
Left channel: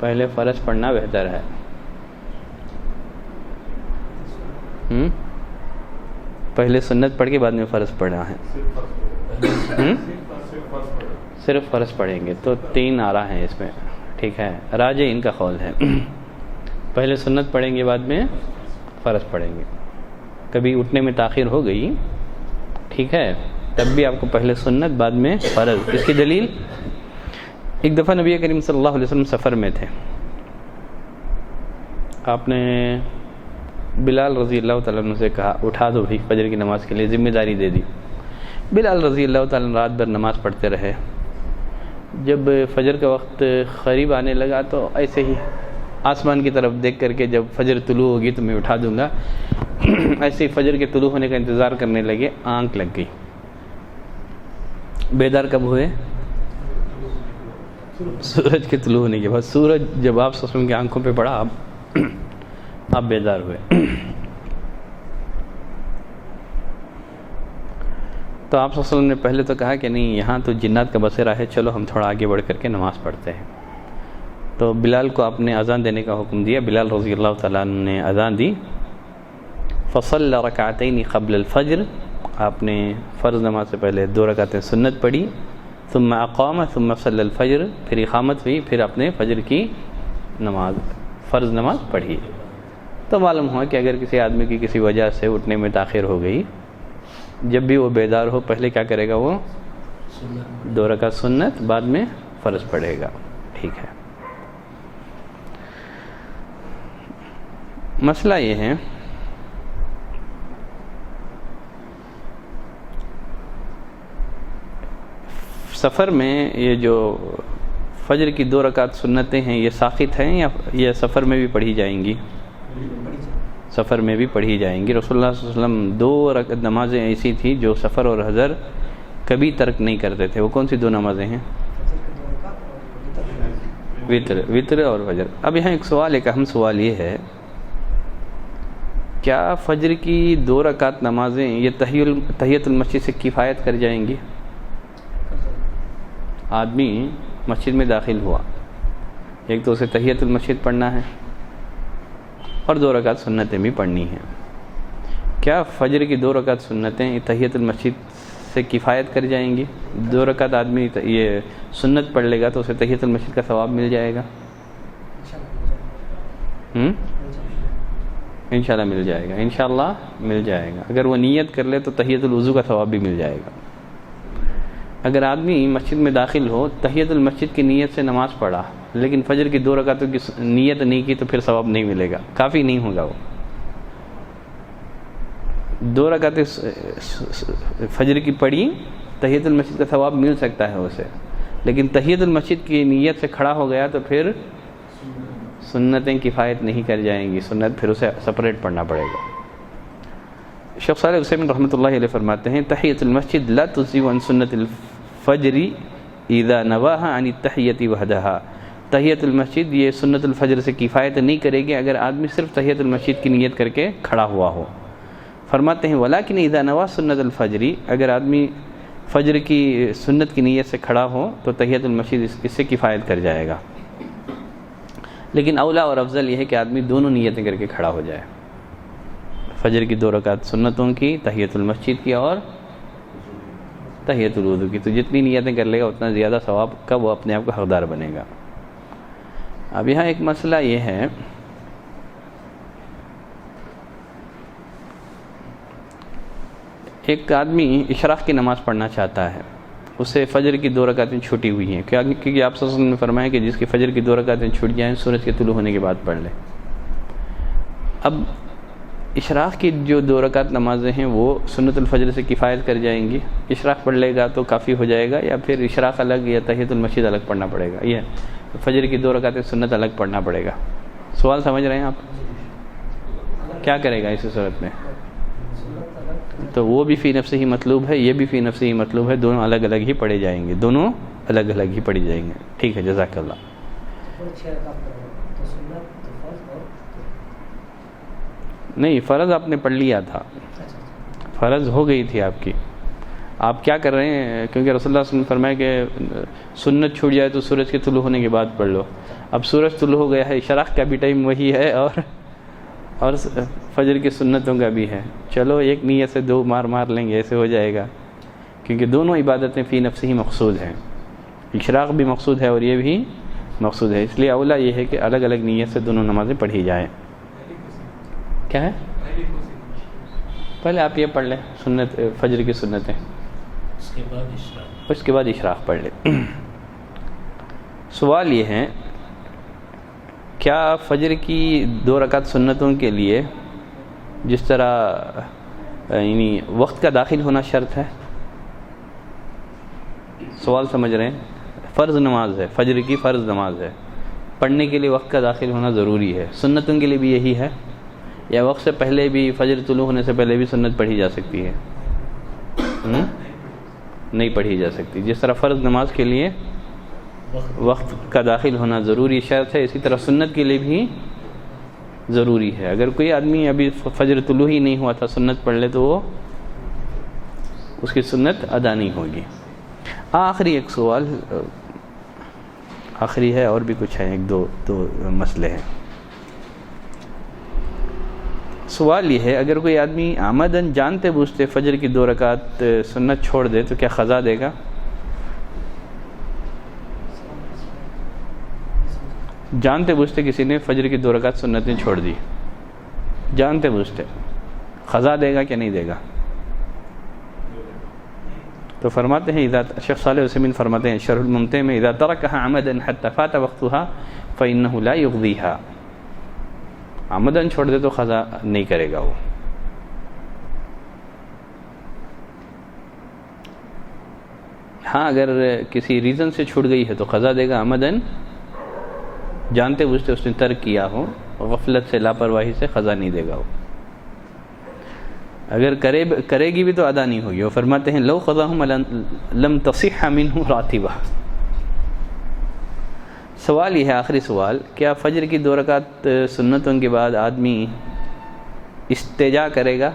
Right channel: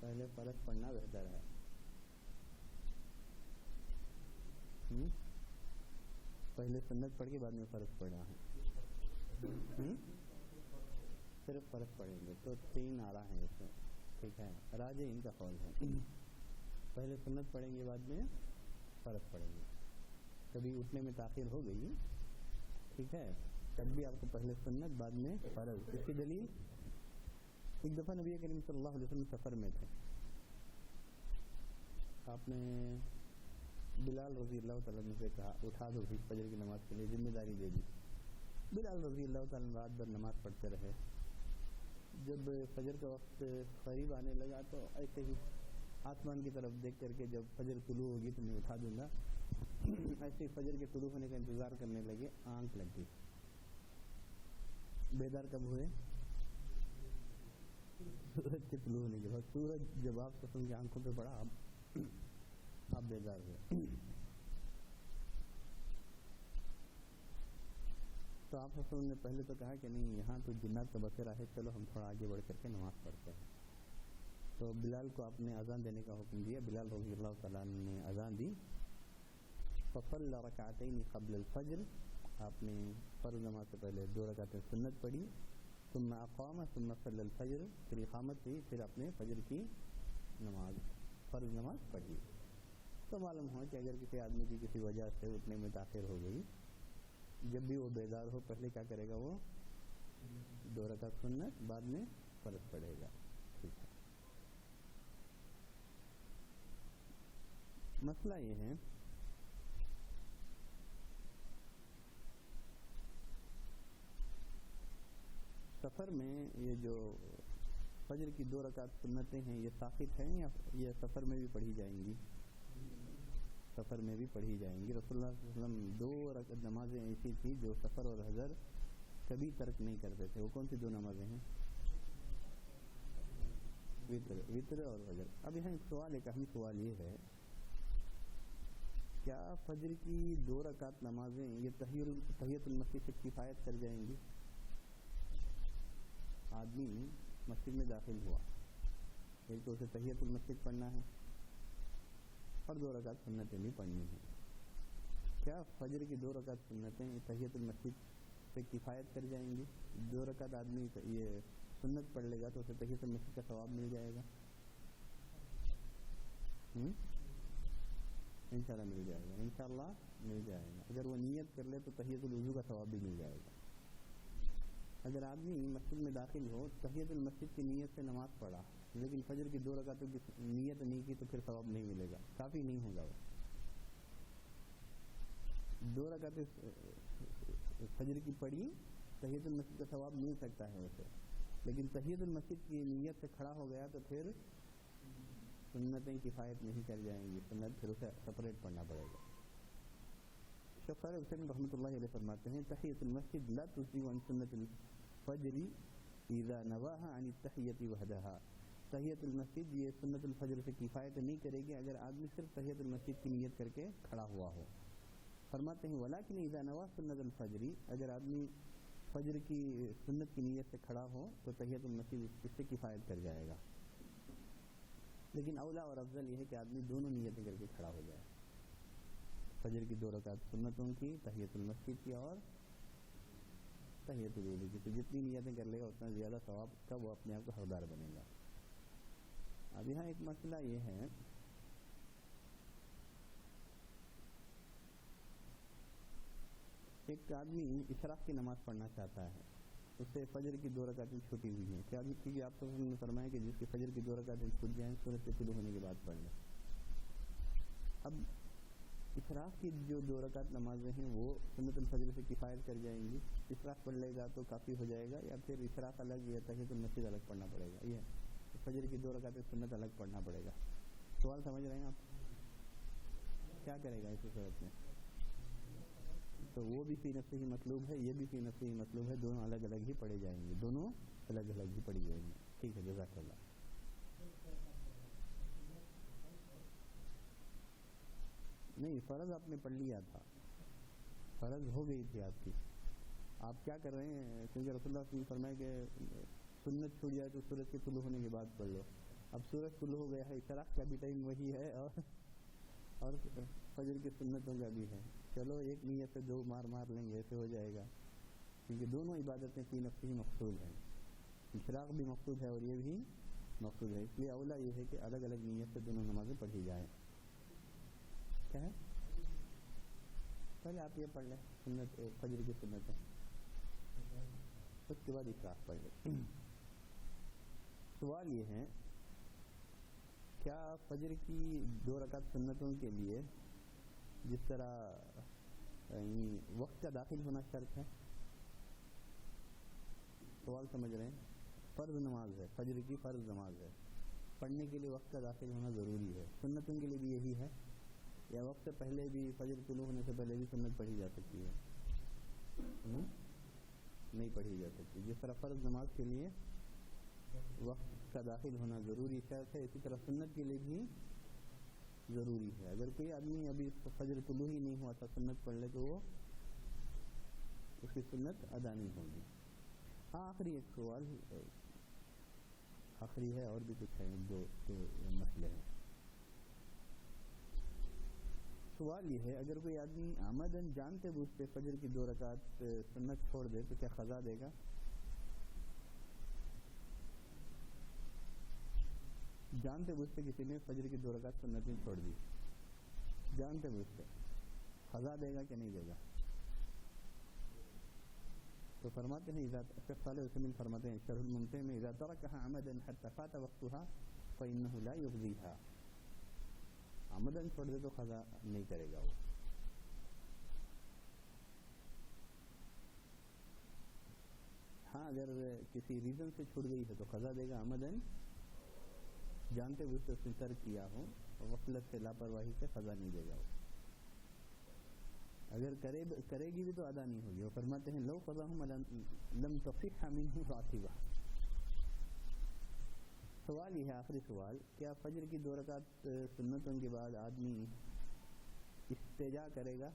پہلے فرض پڑھنا بہتر ہے۔ پہلے سنت پڑھ کے بعد میں فرض پڑھنا ہے، صرف فرض پڑھیں گے تو 3 آراء ہیں اس میں، ٹھیک ہے، راجح ان کا قول ہے پہلے سنت پڑھیں گے بعد میں فرض پڑھیں گے۔ کبھی اٹھنے میں تاخیر ہو گئی، ٹھیک ہے، تب بھی آپ کو پہلے سنت بعد میں فرض۔ اس کی دلیل، ایک دفعہ نبی کریم صلی اللہ علیہ وسلم سفر میں تھے، آپ نے بلال رضی اللہ تعالیٰ عنہ سے کہا اٹھا دو بھی فجر کی نماز کے لیے، ذمہ داری دے دی۔ بلال رضی اللہ تعالیٰ عنہ رات بھر نماز پڑھتے رہے۔ جب فجر کا وقت قریب آنے لگا تو ایسے ہی آسمان کی طرف دیکھ کر کے جب فجر طلوع ہوگی تو میں اٹھا دوں گا، ایسے ہی فجر کے طلوع ہونے کا انتظار کرنے لگے، آنکھ لگ گئی۔ بیدار کب ہوئے؟ سورج کے طلوع ہونے کے بعد۔ سورج جب آپ صلی اللہ علیہ وسلم کی آنکھوں پہ پڑا آپ بیدار ہوئے۔ تو آپ صلی اللہ علیہ وسلم نے پہلے تو کہا کہ نہیں، یہاں تو جنات کا بسیرا ہے، چلو ہم تھوڑا آگے بڑھ کر کے نماز پڑھتے ہیں۔ تو بلال کو آپ نے اذان دینے کا حکم دیا۔ بلال رضی اللہ تعالیٰ عنہ نے اذان دی۔ فصلی رکعتین قبل الفجر، آپ نے فرض نماز سے پہلے 2 رکعتیں سنت پڑھی۔ ثم اقام ثم صلی الفجر، پھر اقامت ہوئی، پھر اپنے فجر کی نماز فرض نماز پڑھی۔ تو معلوم ہوا کہ اگر کسی آدمی کی کسی وجہ سے اٹھنے میں تاخیر ہو گئی، جب بھی وہ بیدار ہو پہلے کیا کرے گا؟ وہ 2 رکعت سنت، بعد میں فرض پڑھے گا۔ ٹھیک ہے۔ مسئلہ یہ ہے سفر میں یہ جو فجر کی 2 رکعت سنتیں ہیں یہ ساقط ہیں یا یہ سفر میں بھی پڑھی جائیں گی؟ سفر میں بھی پڑھی جائیں گی۔ رسول اللہ صلی اللہ علیہ وسلم 2 رکعت نمازیں ایسی تھیں جو سفر اور حضر کبھی ترک نہیں کرتے تھے۔ وہ کون سی 2 نمازیں ہیں؟ وتر اور فجر۔ اب یہاں ایک سوال، ایک اہم سوال یہ ہے، کیا فجر کی 2 رکعت نمازیں یہ تحیۃ المسجد سے کفایت کر جائیں گی؟ آدمی مسجد میں داخل ہوا، ایک تو اسے تحیۃ المسجد پڑھنا ہے اور 2 رکعت سنتیں بھی پڑھنی ہیں۔ کیا فجر کی 2 رکعت سنتیں تحیۃ المسجد سے کفایت کر جائیں گی؟ 2 رکعت آدمی یہ سنت پڑھ لے گا تو اسے تحیۃ المسجد کا ثواب مل جائے گا؟ انشاءاللہ مل جائے گا، انشاءاللہ مل جائے گا۔ اگر وہ نیت کر لے تو تحیۃ الوضو کا ثواب بھی مل جائے گا۔ اگر آدمی مسجد میں داخل ہو، تحیۃ المسجد کی نیت سے نماز پڑھا لیکن فجر کی 2 رکعتوں کی نیت نہیں کی تو پھر ثواب نہیں ملے گا، کافی نہیں ہوگا۔ وہ 2 رکعتیں فجر کی پڑھی، تحیۃ المسجد کا ثواب مل سکتا ہے اسے، لیکن تحیۃ المسجد کی نیت سے کھڑا ہو گیا تو پھر سنتیں کفایت نہیں کر جائیں گی، سنت پھر اسے سپریٹ پڑھنا پڑے گا۔ شیخ صالح عثیمین رحمۃ اللہ علیہ فرماتے ہیں، تحیۃ المسجد لا تجزئ عن سنت الفجر اذا نواها عن التحیۃ وحدها۔ تحیۃ المسجد یہ سنت الفجر سے کفایت نہیں کرے گی اگر آدمی صرف تحیۃ المسجد کی نیت کر کے کھڑا ہوا ہو۔ فرماتے ہیں ولیکن اذا نوا سنت الفجر، اگر آدمی فجر کی سنت کی نیت سے کھڑا ہو تو تحیۃ المسجد اس سے کفایت کر جائے گا، لیکن اولا اور افضل یہ ہے کہ آدمی دونوں نیتیں کر کے کھڑا ہو جائے، فجر کی 2 رکعت سنتوں کی، تحیۃ المسجد کی اور تحیۃ الوضو کی۔ تو جتنی نیتیں کر لے گا اتنا زیادہ ثواب کا وہ اپنے آپ کو حقدار بنے گا۔ اب یہاں ایک مسئلہ یہ ہے، ایک آدمی اشراق کی نماز پڑھنا چاہتا ہے، اسے فجر کی 2 رکعتیں چھوٹی ہوئی ہیں، کیونکہ آپ صلی اللہ علیہ وسلم نے فرمایا کہ جس کی فجر کی 2 رکعتیں چھوٹ جائیں سورج کے طلوع ہونے کے بعد پڑھ لے۔ اب اشراق کی جو 2 رکعت نمازیں ہیں وہ سنت الفجر سے کفایت کر جائیں گی؟ اشراق پڑھ لے گا تو کافی ہو جائے گا، یا پھر اشراق الگ یا تحیۃ المسجد الگ پڑھنا پڑے گا؟ یہ فجر کی 2 رکعتیں سنت الگ پڑھنا پڑے گا۔ سوال سمجھ رہے ہیں آپ؟ کیا کرے گا اس صورت میں؟ تو وہ بھی فی نفسہ ہی مطلوب ہے، یہ بھی فی نفسہ ہی مطلوب ہے، دونوں الگ الگ ہی پڑھے جائیں گے، دونوں الگ الگ ہی پڑھی جائیں گے۔ ٹھیک ہے، جزاک اللہ۔ نہیں، فرض آپ نے پڑھ لیا تھا، فرض ہو گئی تھی آپ کی، آپ کیا کر رہے ہیں؟ کیونکہ رسول اللہ صلی اللہ علیہ وسلم نے فرمایا کہ سنت چھوٹ جائے تو سورج کے طلوع ہونے کے بعد پڑھ لو۔ اب سورج طلوع ہو گیا ہے، اشراق کا بھی ٹائم وہی ہے اور فجر کی سنتوں کا بھی ہے، چلو ایک نیت سے 2 مار لیں گے، ایسے ہو جائے گا، کیونکہ دونوں عبادتیں فی نفسہ ہی مقصود ہیں، اشراق بھی مقصود ہے اور یہ بھی مقصود ہے، اس لیے اولا یہ ہے کہ الگ الگ نیت سے دونوں نمازیں پڑھی جائیں۔ کیا ہے؟ پہلے آپ یہ پڑھ لیں سنت فجر کی سنتیں، اس کے بعد اشراق پڑھ لیں۔ سوال یہ ہے، کیا فجر کی 2 رکعت سنتوں کے لیے جس طرح یعنی وقت کا داخل ہونا شرط ہے. سوال سمجھ رہے ہیں؟ فرض نماز ہے، فجر کی فرض نماز ہے، پڑھنے کے لیے وقت کا داخل ہونا ضروری ہے. سنتوں کے لیے بھی یہی ہے یا وقت سے پہلے بھی، فجر طلوع ہونے سے پہلے بھی سنت پڑھی جا سکتی ہے؟ نہیں پڑھی جا سکتی. جس طرح فرض نماز کے لیے وقت کا داخل ہونا ضروری شرط ہے، اسی طرح سنت کے لیے بھی ضروری ہے. اگر کوئی آدمی ابھی فجر طلوع ہی نہیں ہوا تھا سنت پڑھ لے تو وہ اس کی سنت ادا نہیں ہوگی. آخری ایک سوال، آخری ہے، اور بھی کچھ ہے، ایک دو مسئلے ہیں. سوال یہ ہے، اگر کوئی آدمی عمدن جانتے بوجھتے فجر کی 2 رکعت سنت چھوڑ دے تو کیا قضا دے گا؟ جانتے بوجھتے کسی نے فجر کی 2 رکعت سنتیں چھوڑ دی، جانتے بوجھتے، قضا دے گا کہ نہیں دے گا؟ تو فرماتے ہیں شیخ صالح عثیمین فرماتے ہیں شرح الممتع میں، اذا ترکها عمدا حتى فات وقتها فانه لا يقضيها. عمدن چھوڑ دے تو قضا نہیں کرے گا وہ. ہاں اگر کسی ریزن سے چھوٹ گئی ہے تو قضا دے گا. عمدن جانتے بوجھتے اس نے ترک کیا ہو، غفلت سے، لاپرواہی سے، قضا نہیں دے گا وہ. اگر کرے گی بھی تو ادا نہیں ہوگی. وہ فرماتے ہیں لو قضاہم لم تصح منہ راتبہ. سوال یہ ہے، آخری سوال، کیا فجر کی 2 رکعت سنتوں کے بعد آدمی استجا کرے گا؟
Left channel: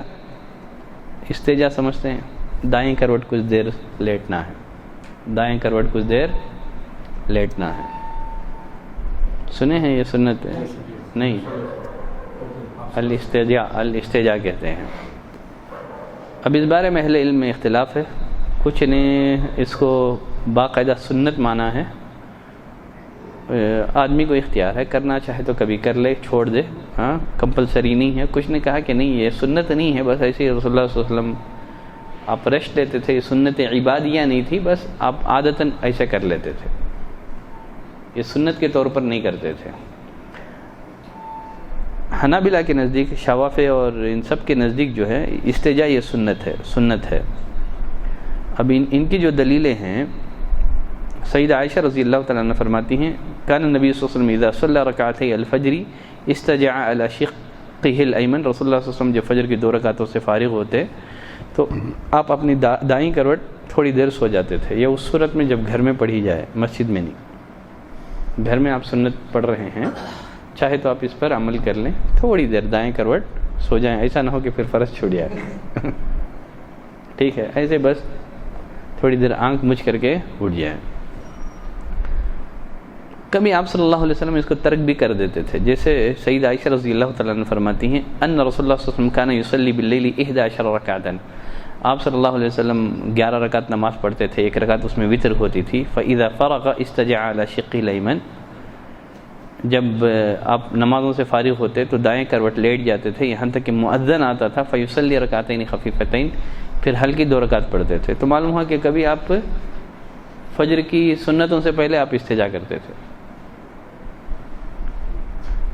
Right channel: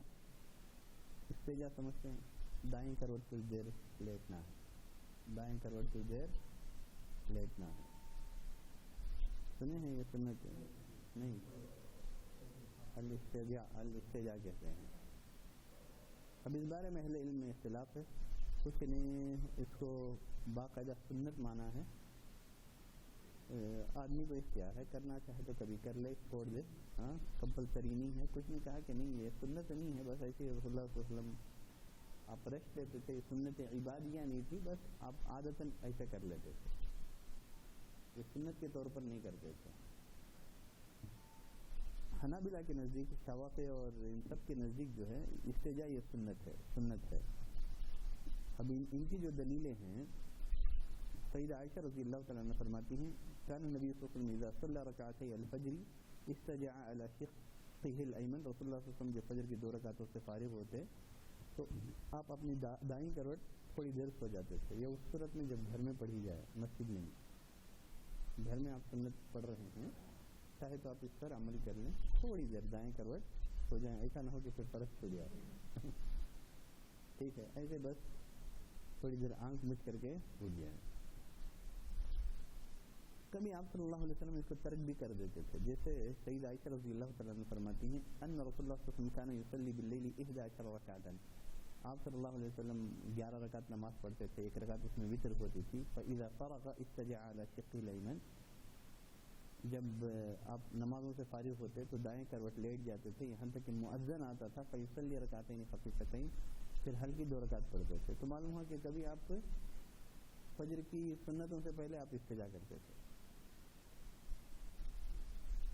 استجا سمجھتے ہیں؟ دائیں کروٹ کچھ دیر لیٹنا ہے، دائیں کروٹ کچھ دیر لیٹنا ہے. سنے ہیں یہ سنت ہے؟ نہیں، الاستجا کہتے ہیں. اب اس بارے میں اہل علم میں اختلاف ہے. کچھ نے اس کو باقاعدہ سنت مانا ہے، آدمی کو اختیار ہے، کرنا چاہے تو کبھی کر لے، چھوڑ دے، ہاں کمپلسری نہیں ہے. کچھ نے کہا کہ نہیں، یہ سنت نہیں ہے، بس ایسے ہی رسول اللہ صلی اللہ علیہ وسلم آپ ریسٹ لیتے تھے، یہ سنت عبادیہ نہیں تھی، بس آپ عادتاً ایسے کر لیتے تھے، یہ سنت کے طور پر نہیں کرتے تھے. حنابلہ کے نزدیک، شوافع اور ان سب کے نزدیک جو ہے استجا یہ سنت ہے. اب ان کی جو دلیلیں ہیں، سیدہ عائشہ رضی اللہ تعالیٰ عنہ فرماتی ہیں کان النبی صلی اللہ علیہ وسلم اذا صلی رکعتي الفجر استجع على شقه الایمن. رسول اللہ صلی اللہ علیہ وسلم جب فجر کی 2 رکعتوں سے فارغ ہوتے تو آپ اپنی دائیں کروٹ تھوڑی دیر سو جاتے تھے. یہ اس صورت میں جب گھر میں پڑھی جائے، مسجد میں نہیں. گھر میں آپ سنت پڑھ رہے ہیں، چاہے تو آپ اس پر عمل کر لیں، تھوڑی دیر دائیں کروٹ سو جائیں. ایسا نہ ہو کہ پھر فرض چھوٹ جائے. ٹھیک ہے، ایسے بس تھوڑی دیر آنکھ مچ کر کے اٹھ جائیں. کبھی آپ صلی اللہ علیہ وسلم اس کو ترک بھی کر دیتے تھے. جیسے سیدہ عائشہ رضی اللہ تعالیٰ عنہ فرماتی ہیں ان رسول اللہ صلی اللہ علیہ وسلم کان یصلی باللیل 11 رکعتا. آپ صلی اللہ علیہ وسلم 11 رکعت نماز پڑھتے تھے، 1 رکعت اس میں وتر ہوتی تھی. فاذا فرغ استجع على شقه الایمن. جب آپ نمازوں سے فارغ ہوتے تو دائیں کروٹ لیٹ جاتے تھے، یہاں تک کہ مؤذن آتا تھا. فیصلی رکعتین خفیفتین، پھر ہلکی 2 رکعت پڑھتے تھے. تو معلوم ہوا کہ کبھی آپ فجر کی سنتوں سے پہلے آپ استجا کرتے تھے.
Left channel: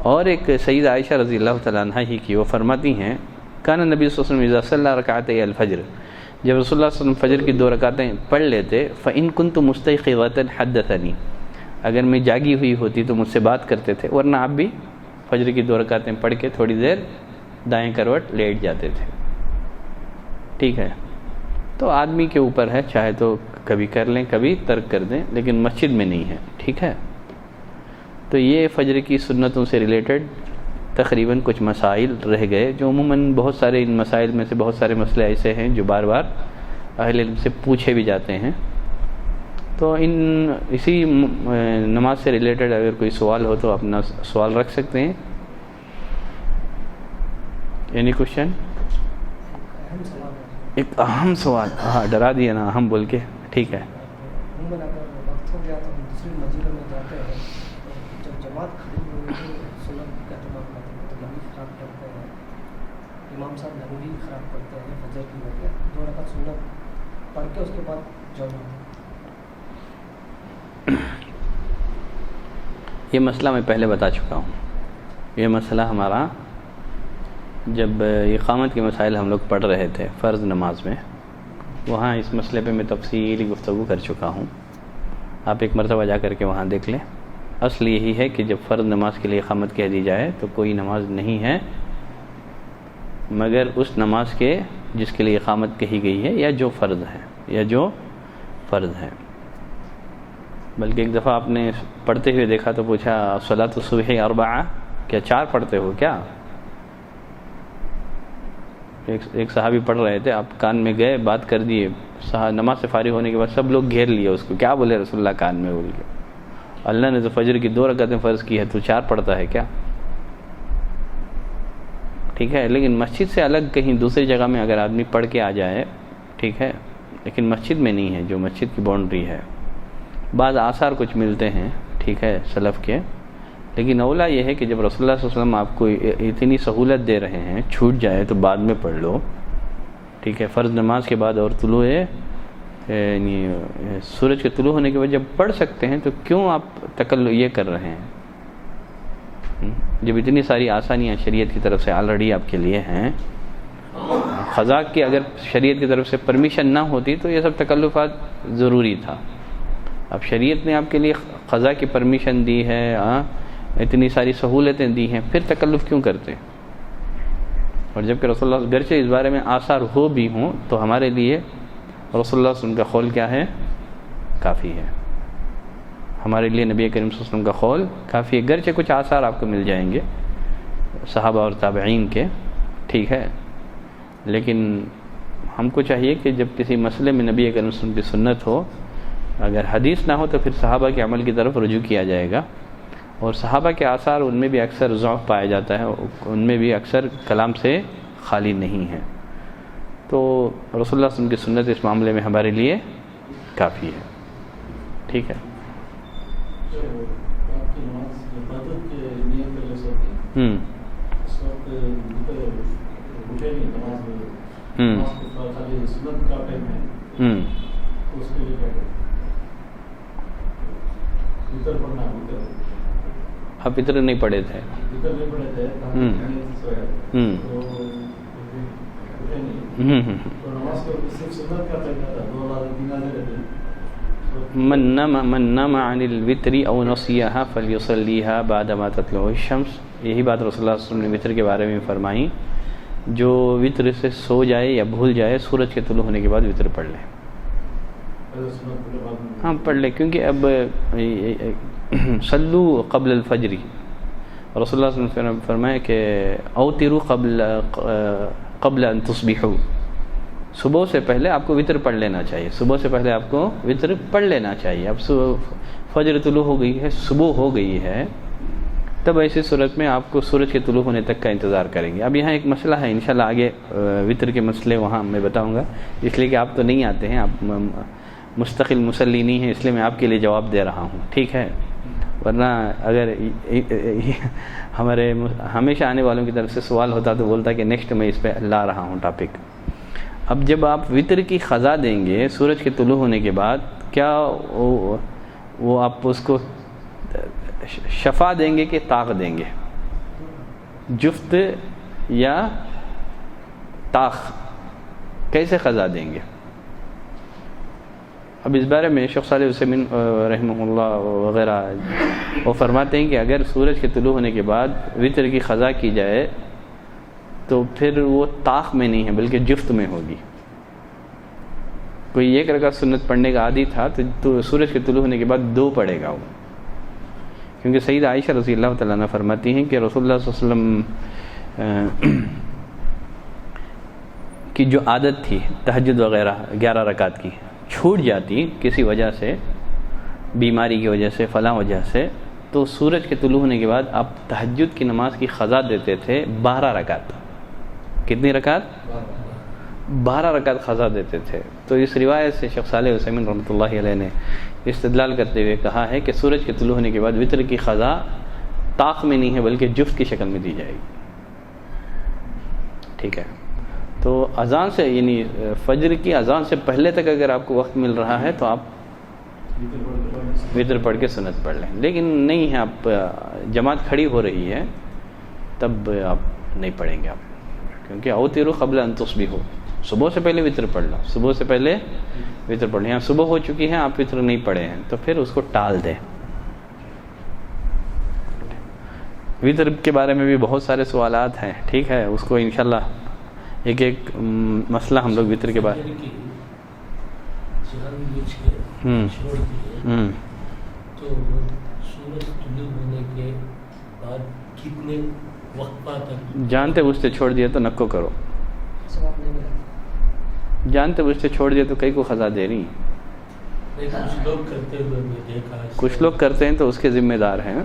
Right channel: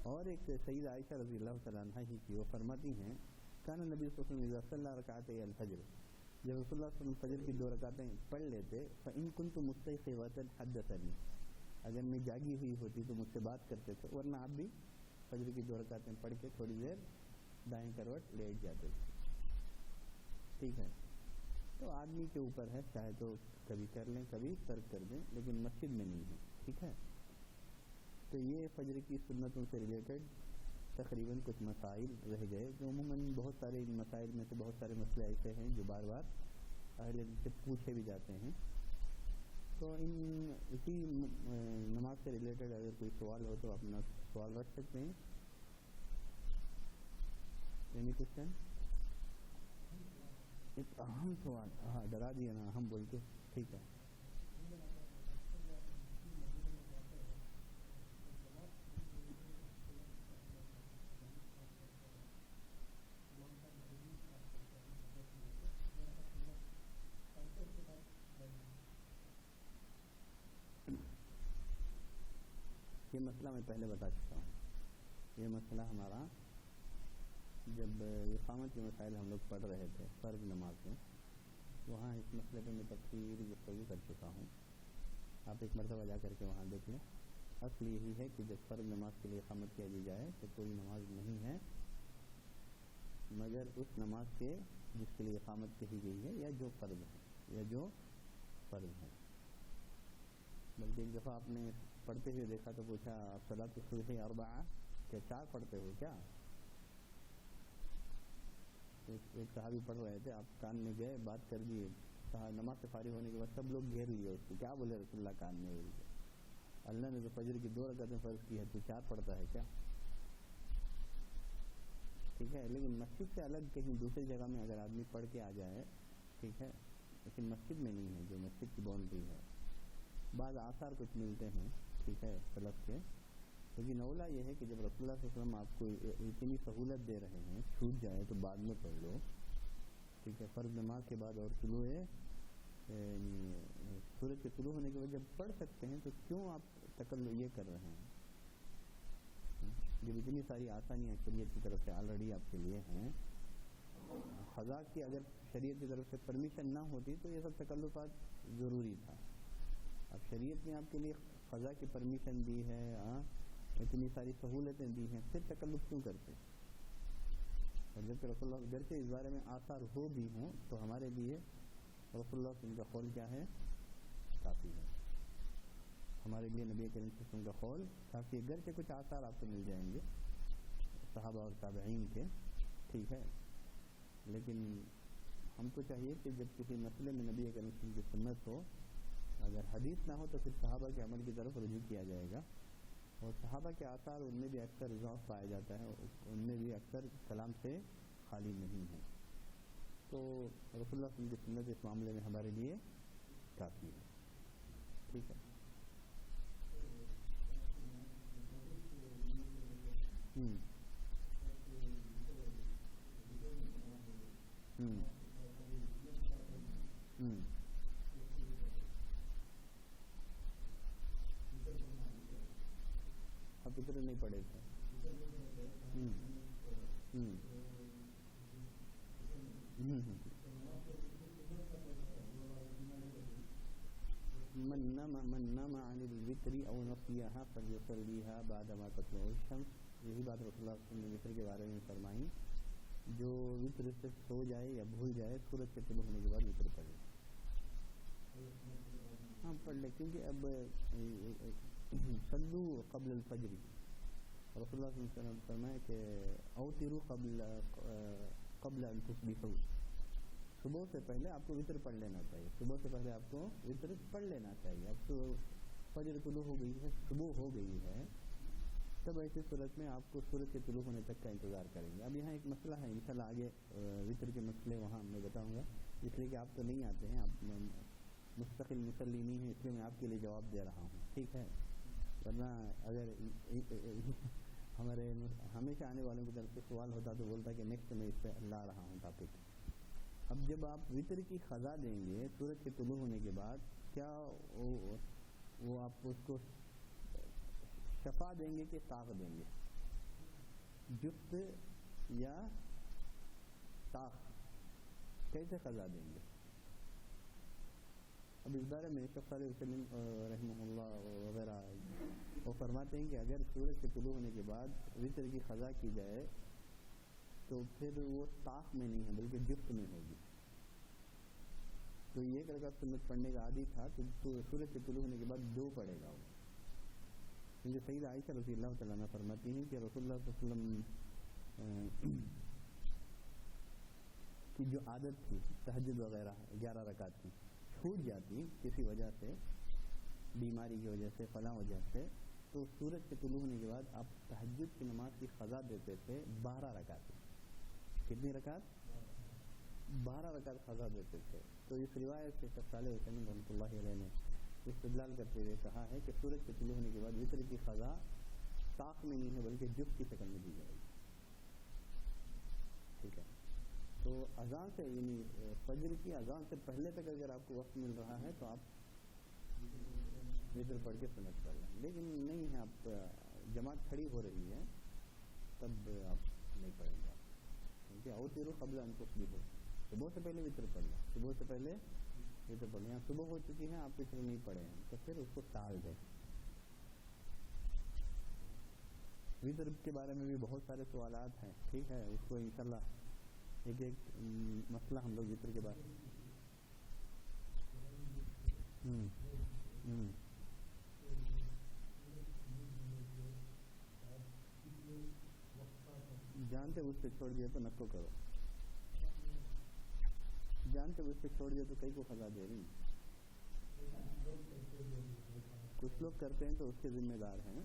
اور ایک سیدہ عائشہ رضی اللہ تعالیٰ عنہ ہی کی، وہ فرماتی ہیں کان نبی صلی اللہ علیہ وسلم اذا صلی رکعتي الفجر. جب رسول اللہ صلی اللہ علیہ وسلم فجر کی 2 رکعتیں پڑھ لیتے، فإن كنت مستيقظة حدثني. اگر میں جاگی ہوئی ہوتی تو مجھ سے بات کرتے تھے، ورنہ آپ بھی فجر کی 2 رکعتیں پڑھ کے تھوڑی دیر دائیں کروٹ لیٹ جاتے تھے. ٹھیک ہے، تو آدمی کے اوپر ہے، چاہے تو کبھی کر لیں، کبھی ترک کر دیں، لیکن مسجد میں نہیں ہے. ٹھیک ہے، تو یہ فجر کی سنتوں سے ریلیٹڈ تقریباً کچھ مسائل رہ گئے، جو عموماً بہت سارے ان مسائل میں سے بہت سارے مسئلے ایسے ہیں جو بار بار اہل علم سے پوچھے بھی جاتے ہیں. تو اسی نماز سے ریلیٹڈ اگر کوئی سوال ہو تو اپنا سوال رکھ سکتے ہیں. Any question? ایک اہم سوال، ہاں ڈرا دیا نا اہم بول کے. ٹھیک ہے، امام صاحب نبوی خراب کرتے ہیں فجر کی وجہ 2 رکعت سنت پڑھ کے اس کے بعد جمع. یہ مسئلہ میں پہلے بتا چکا ہوں. یہ مسئلہ ہمارا جب اقامت کے مسائل ہم لوگ پڑھ رہے تھے فرض نماز میں، وہاں اس مسئلے پہ میں تفصیلی گفتگو کر چکا ہوں، آپ ایک مرتبہ جا کر کے وہاں دیکھ لیں۔ اصل یہی ہے کہ جب فرض نماز کے لیے اقامت کہہ دی جائے تو کوئی نماز نہیں ہے مگر اس نماز کے جس کے لیے اقامت کہی گئی ہے یا جو فرض ہے۔ بلکہ ایک دفعہ آپ نے پڑھتے ہوئے دیکھا تو پوچھا صلاۃ الصبح اربعہ، کیا 4 پڑھتے ہو کیا؟ ایک صحابی پڑھ رہے تھے، آپ کان میں گئے، بات کر دیے، نماز سے فارغ ہونے کے بعد سب لوگ گھیر لیے اس کو، کیا بولے رسول اللہ کان میں بول کے، اللہ نے تو فجر کی 2 رکعتیں فرض کی ہے، تو 4 پڑھتا ہے کیا؟ ٹھیک ہے، لیکن مسجد سے الگ کہیں دوسری جگہ میں اگر آدمی پڑھ کے آ جائے ٹھیک ہے، لیکن مسجد میں نہیں ہے، جو مسجد کی باؤنڈری ہے۔ بعض آثار کچھ ملتے ہیں ٹھیک ہے سلف کے، لیکن اولا یہ ہے کہ جب رسول اللہ صلی اللہ علیہ وسلم آپ کو اتنی سہولت دے رہے ہیں، چھوٹ جائے تو بعد میں پڑھ لو ٹھیک ہے، فرض نماز کے بعد اور طلوع یعنی سورج کے طلوع ہونے کے بعد جب پڑھ سکتے ہیں تو کیوں آپ یہ کر رہے ہیں؟ جب اتنی ساری آسانیاں شریعت کی طرف سے آلریڈی آپ کے لیے ہیں، قضا کی اگر شریعت کی طرف سے پرمیشن نہ ہوتی تو یہ سب تکلفات ضروری تھا۔ اب شریعت نے آپ کے لیے قضا کی پرمیشن دی ہے، اتنی ساری سہولتیں دی ہیں، پھر تکلف کیوں کرتے؟ اور جبکہ رسول اللہ گرچہ اس بارے میں آثار ہو بھی ہوں تو ہمارے لیے رسول اللہ صلی اللہ علیہ وسلم کا قول کیا ہے؟ کافی ہے۔ ہمارے لیے نبی کریم صلی اللہ علیہ وسلم کا قول کافی ہے، گرچہ کچھ آثار آپ کو مل جائیں گے صحابہ اور تابعین کے ٹھیک ہے، لیکن ہم کو چاہیے کہ جب کسی مسئلے میں نبی کریم صلی اللہ علیہ وسلم کی سنت ہو، اگر حدیث نہ ہو تو پھر صحابہ کے عمل کی طرف رجوع کیا جائے گا، اور صحابہ کے آثار ان میں بھی اکثر ضعف پایا جاتا ہے، ان میں بھی اکثر کلام سے خالی نہیں ہے، تو رسول اللہ صلی اللہ علیہ وسلم کی سنت اس معاملے میں ہمارے لیے کافی ہے ٹھیک ہے۔ آپ اتر نہیں پڑھے تھے؟ من نام عن الوتر او نسیها فلیصلیها بعدما تطلع الشمس، یہی بات رسول اللہ صلی اللہ علیہ وسلم نے وتر کے بارے میں فرمائی، جو وتر سے سو جائے یا بھول جائے سورج کے طلوع ہونے کے بعد وتر پڑھ لے۔ ہاں پڑھ لے، کیونکہ اب صلو قبل الفجر، رسول اللہ صلی اللہ علیہ وسلم نے فرمایا کہ اوتروا قبل ان تصبحوا، صبح سے پہلے آپ کو وتر پڑھ لینا چاہیے، صبح سے پہلے آپ کو وتر پڑھ لینا چاہیے۔ اب فجر طلوع ہو گئی ہے، صبح ہو گئی ہے، تب ایسی صورت میں آپ کو سورج کے طلوع ہونے تک کا انتظار کریں گے۔ اب یہاں ایک مسئلہ ہے، انشاءاللہ آگے وتر کے مسئلے وہاں میں بتاؤں گا، اس لیے کہ آپ تو نہیں آتے ہیں، آپ مستقل مصلی نہیں ہیں، اس لیے میں آپ کے لیے جواب دے رہا ہوں ٹھیک ہے، ورنہ اگر ہمارے ہمیشہ آنے والوں کی طرف سے سوال ہوتا تو بولتا کہ نیکسٹ میں اس پہ لا رہا ہوں ٹاپک۔ اب جب آپ وتر کی قضا دیں گے سورج کے طلوع ہونے کے بعد، کیا وہ آپ اس کو شفا دیں گے کہ طاق دیں گے؟ جفت یا طاق، کیسے قضا دیں گے؟ اب اس بارے میں شیخ صالح عثیمین رحمہ اللہ وغیرہ وہ فرماتے ہیں کہ اگر سورج کے طلوع ہونے کے بعد وتر کی قضا کی جائے تو پھر وہ طاق میں نہیں ہے بلکہ جفت میں ہوگی۔ کوئی 1 رکعت سنت پڑھنے کا عادی تھا تو سورج کے طلوع ہونے کے بعد 2 پڑھے گا وہ، کیونکہ سید عائشہ رضی اللہ تعالیٰ عنہ فرماتی ہیں کہ رسول اللہ صلی اللہ علیہ وسلم کی جو عادت تھی تہجد وغیرہ 11 رکعت کی، چھوٹ جاتی کسی وجہ سے، بیماری کی وجہ سے، فلاں وجہ سے، تو سورج کے طلوع ہونے کے بعد آپ تہجد کی نماز کی قضا دیتے تھے 12 رکعت۔ کتنی رکعت؟ 12 رکعت قضا دیتے تھے۔ تو اس روایت سے شیخ صالح عثیمین رحمۃ اللہ علیہ نے استدلال کرتے ہوئے کہا ہے کہ سورج کے طلوع ہونے کے بعد وتر کی قضا طاق میں نہیں ہے بلکہ جفت کی شکل میں دی جائے گی ٹھیک ہے۔ تو اذان سے یعنی فجر کی اذان سے پہلے تک اگر آپ کو وقت مل رہا ہے تو آپ وتر پڑھ کے سنت پڑھ لیں، لیکن نہیں ہے، آپ جماعت کھڑی ہو رہی ہے تب آپ نہیں پڑھیں گے آپ کیونکہ اوتروا قبل ان تصبحوا، صبح سے پہلے وطر پڑھ لو، صبح سے پہلے وطر پڑھ لیں. یہاں صبح ہو چکی ہے، آپ وطر نہیں پڑھے ہیں، تو پھر اس کو ٹال دیں. وطر کے بارے میں بھی بہت سارے سوالات ہیں، ٹھیک ہے، اس کو انشاءاللہ ایک ایک مسئلہ ہم لوگ وطر کے بارے تو سورج طلوع ہونے کے بعد کتنے وقفہ تک جانتے بوجھتے چھوڑ دیا تو نکو کرو، ثواب نہیں ملا. جانتے بوجھتے چھوڑ دیا تو کئی کو خزا دے رہی. کچھ لوگ کرتے ہوئے میں دیکھا، کچھ لوگ کرتے ہیں تو اس کے ذمہ دار ہیں.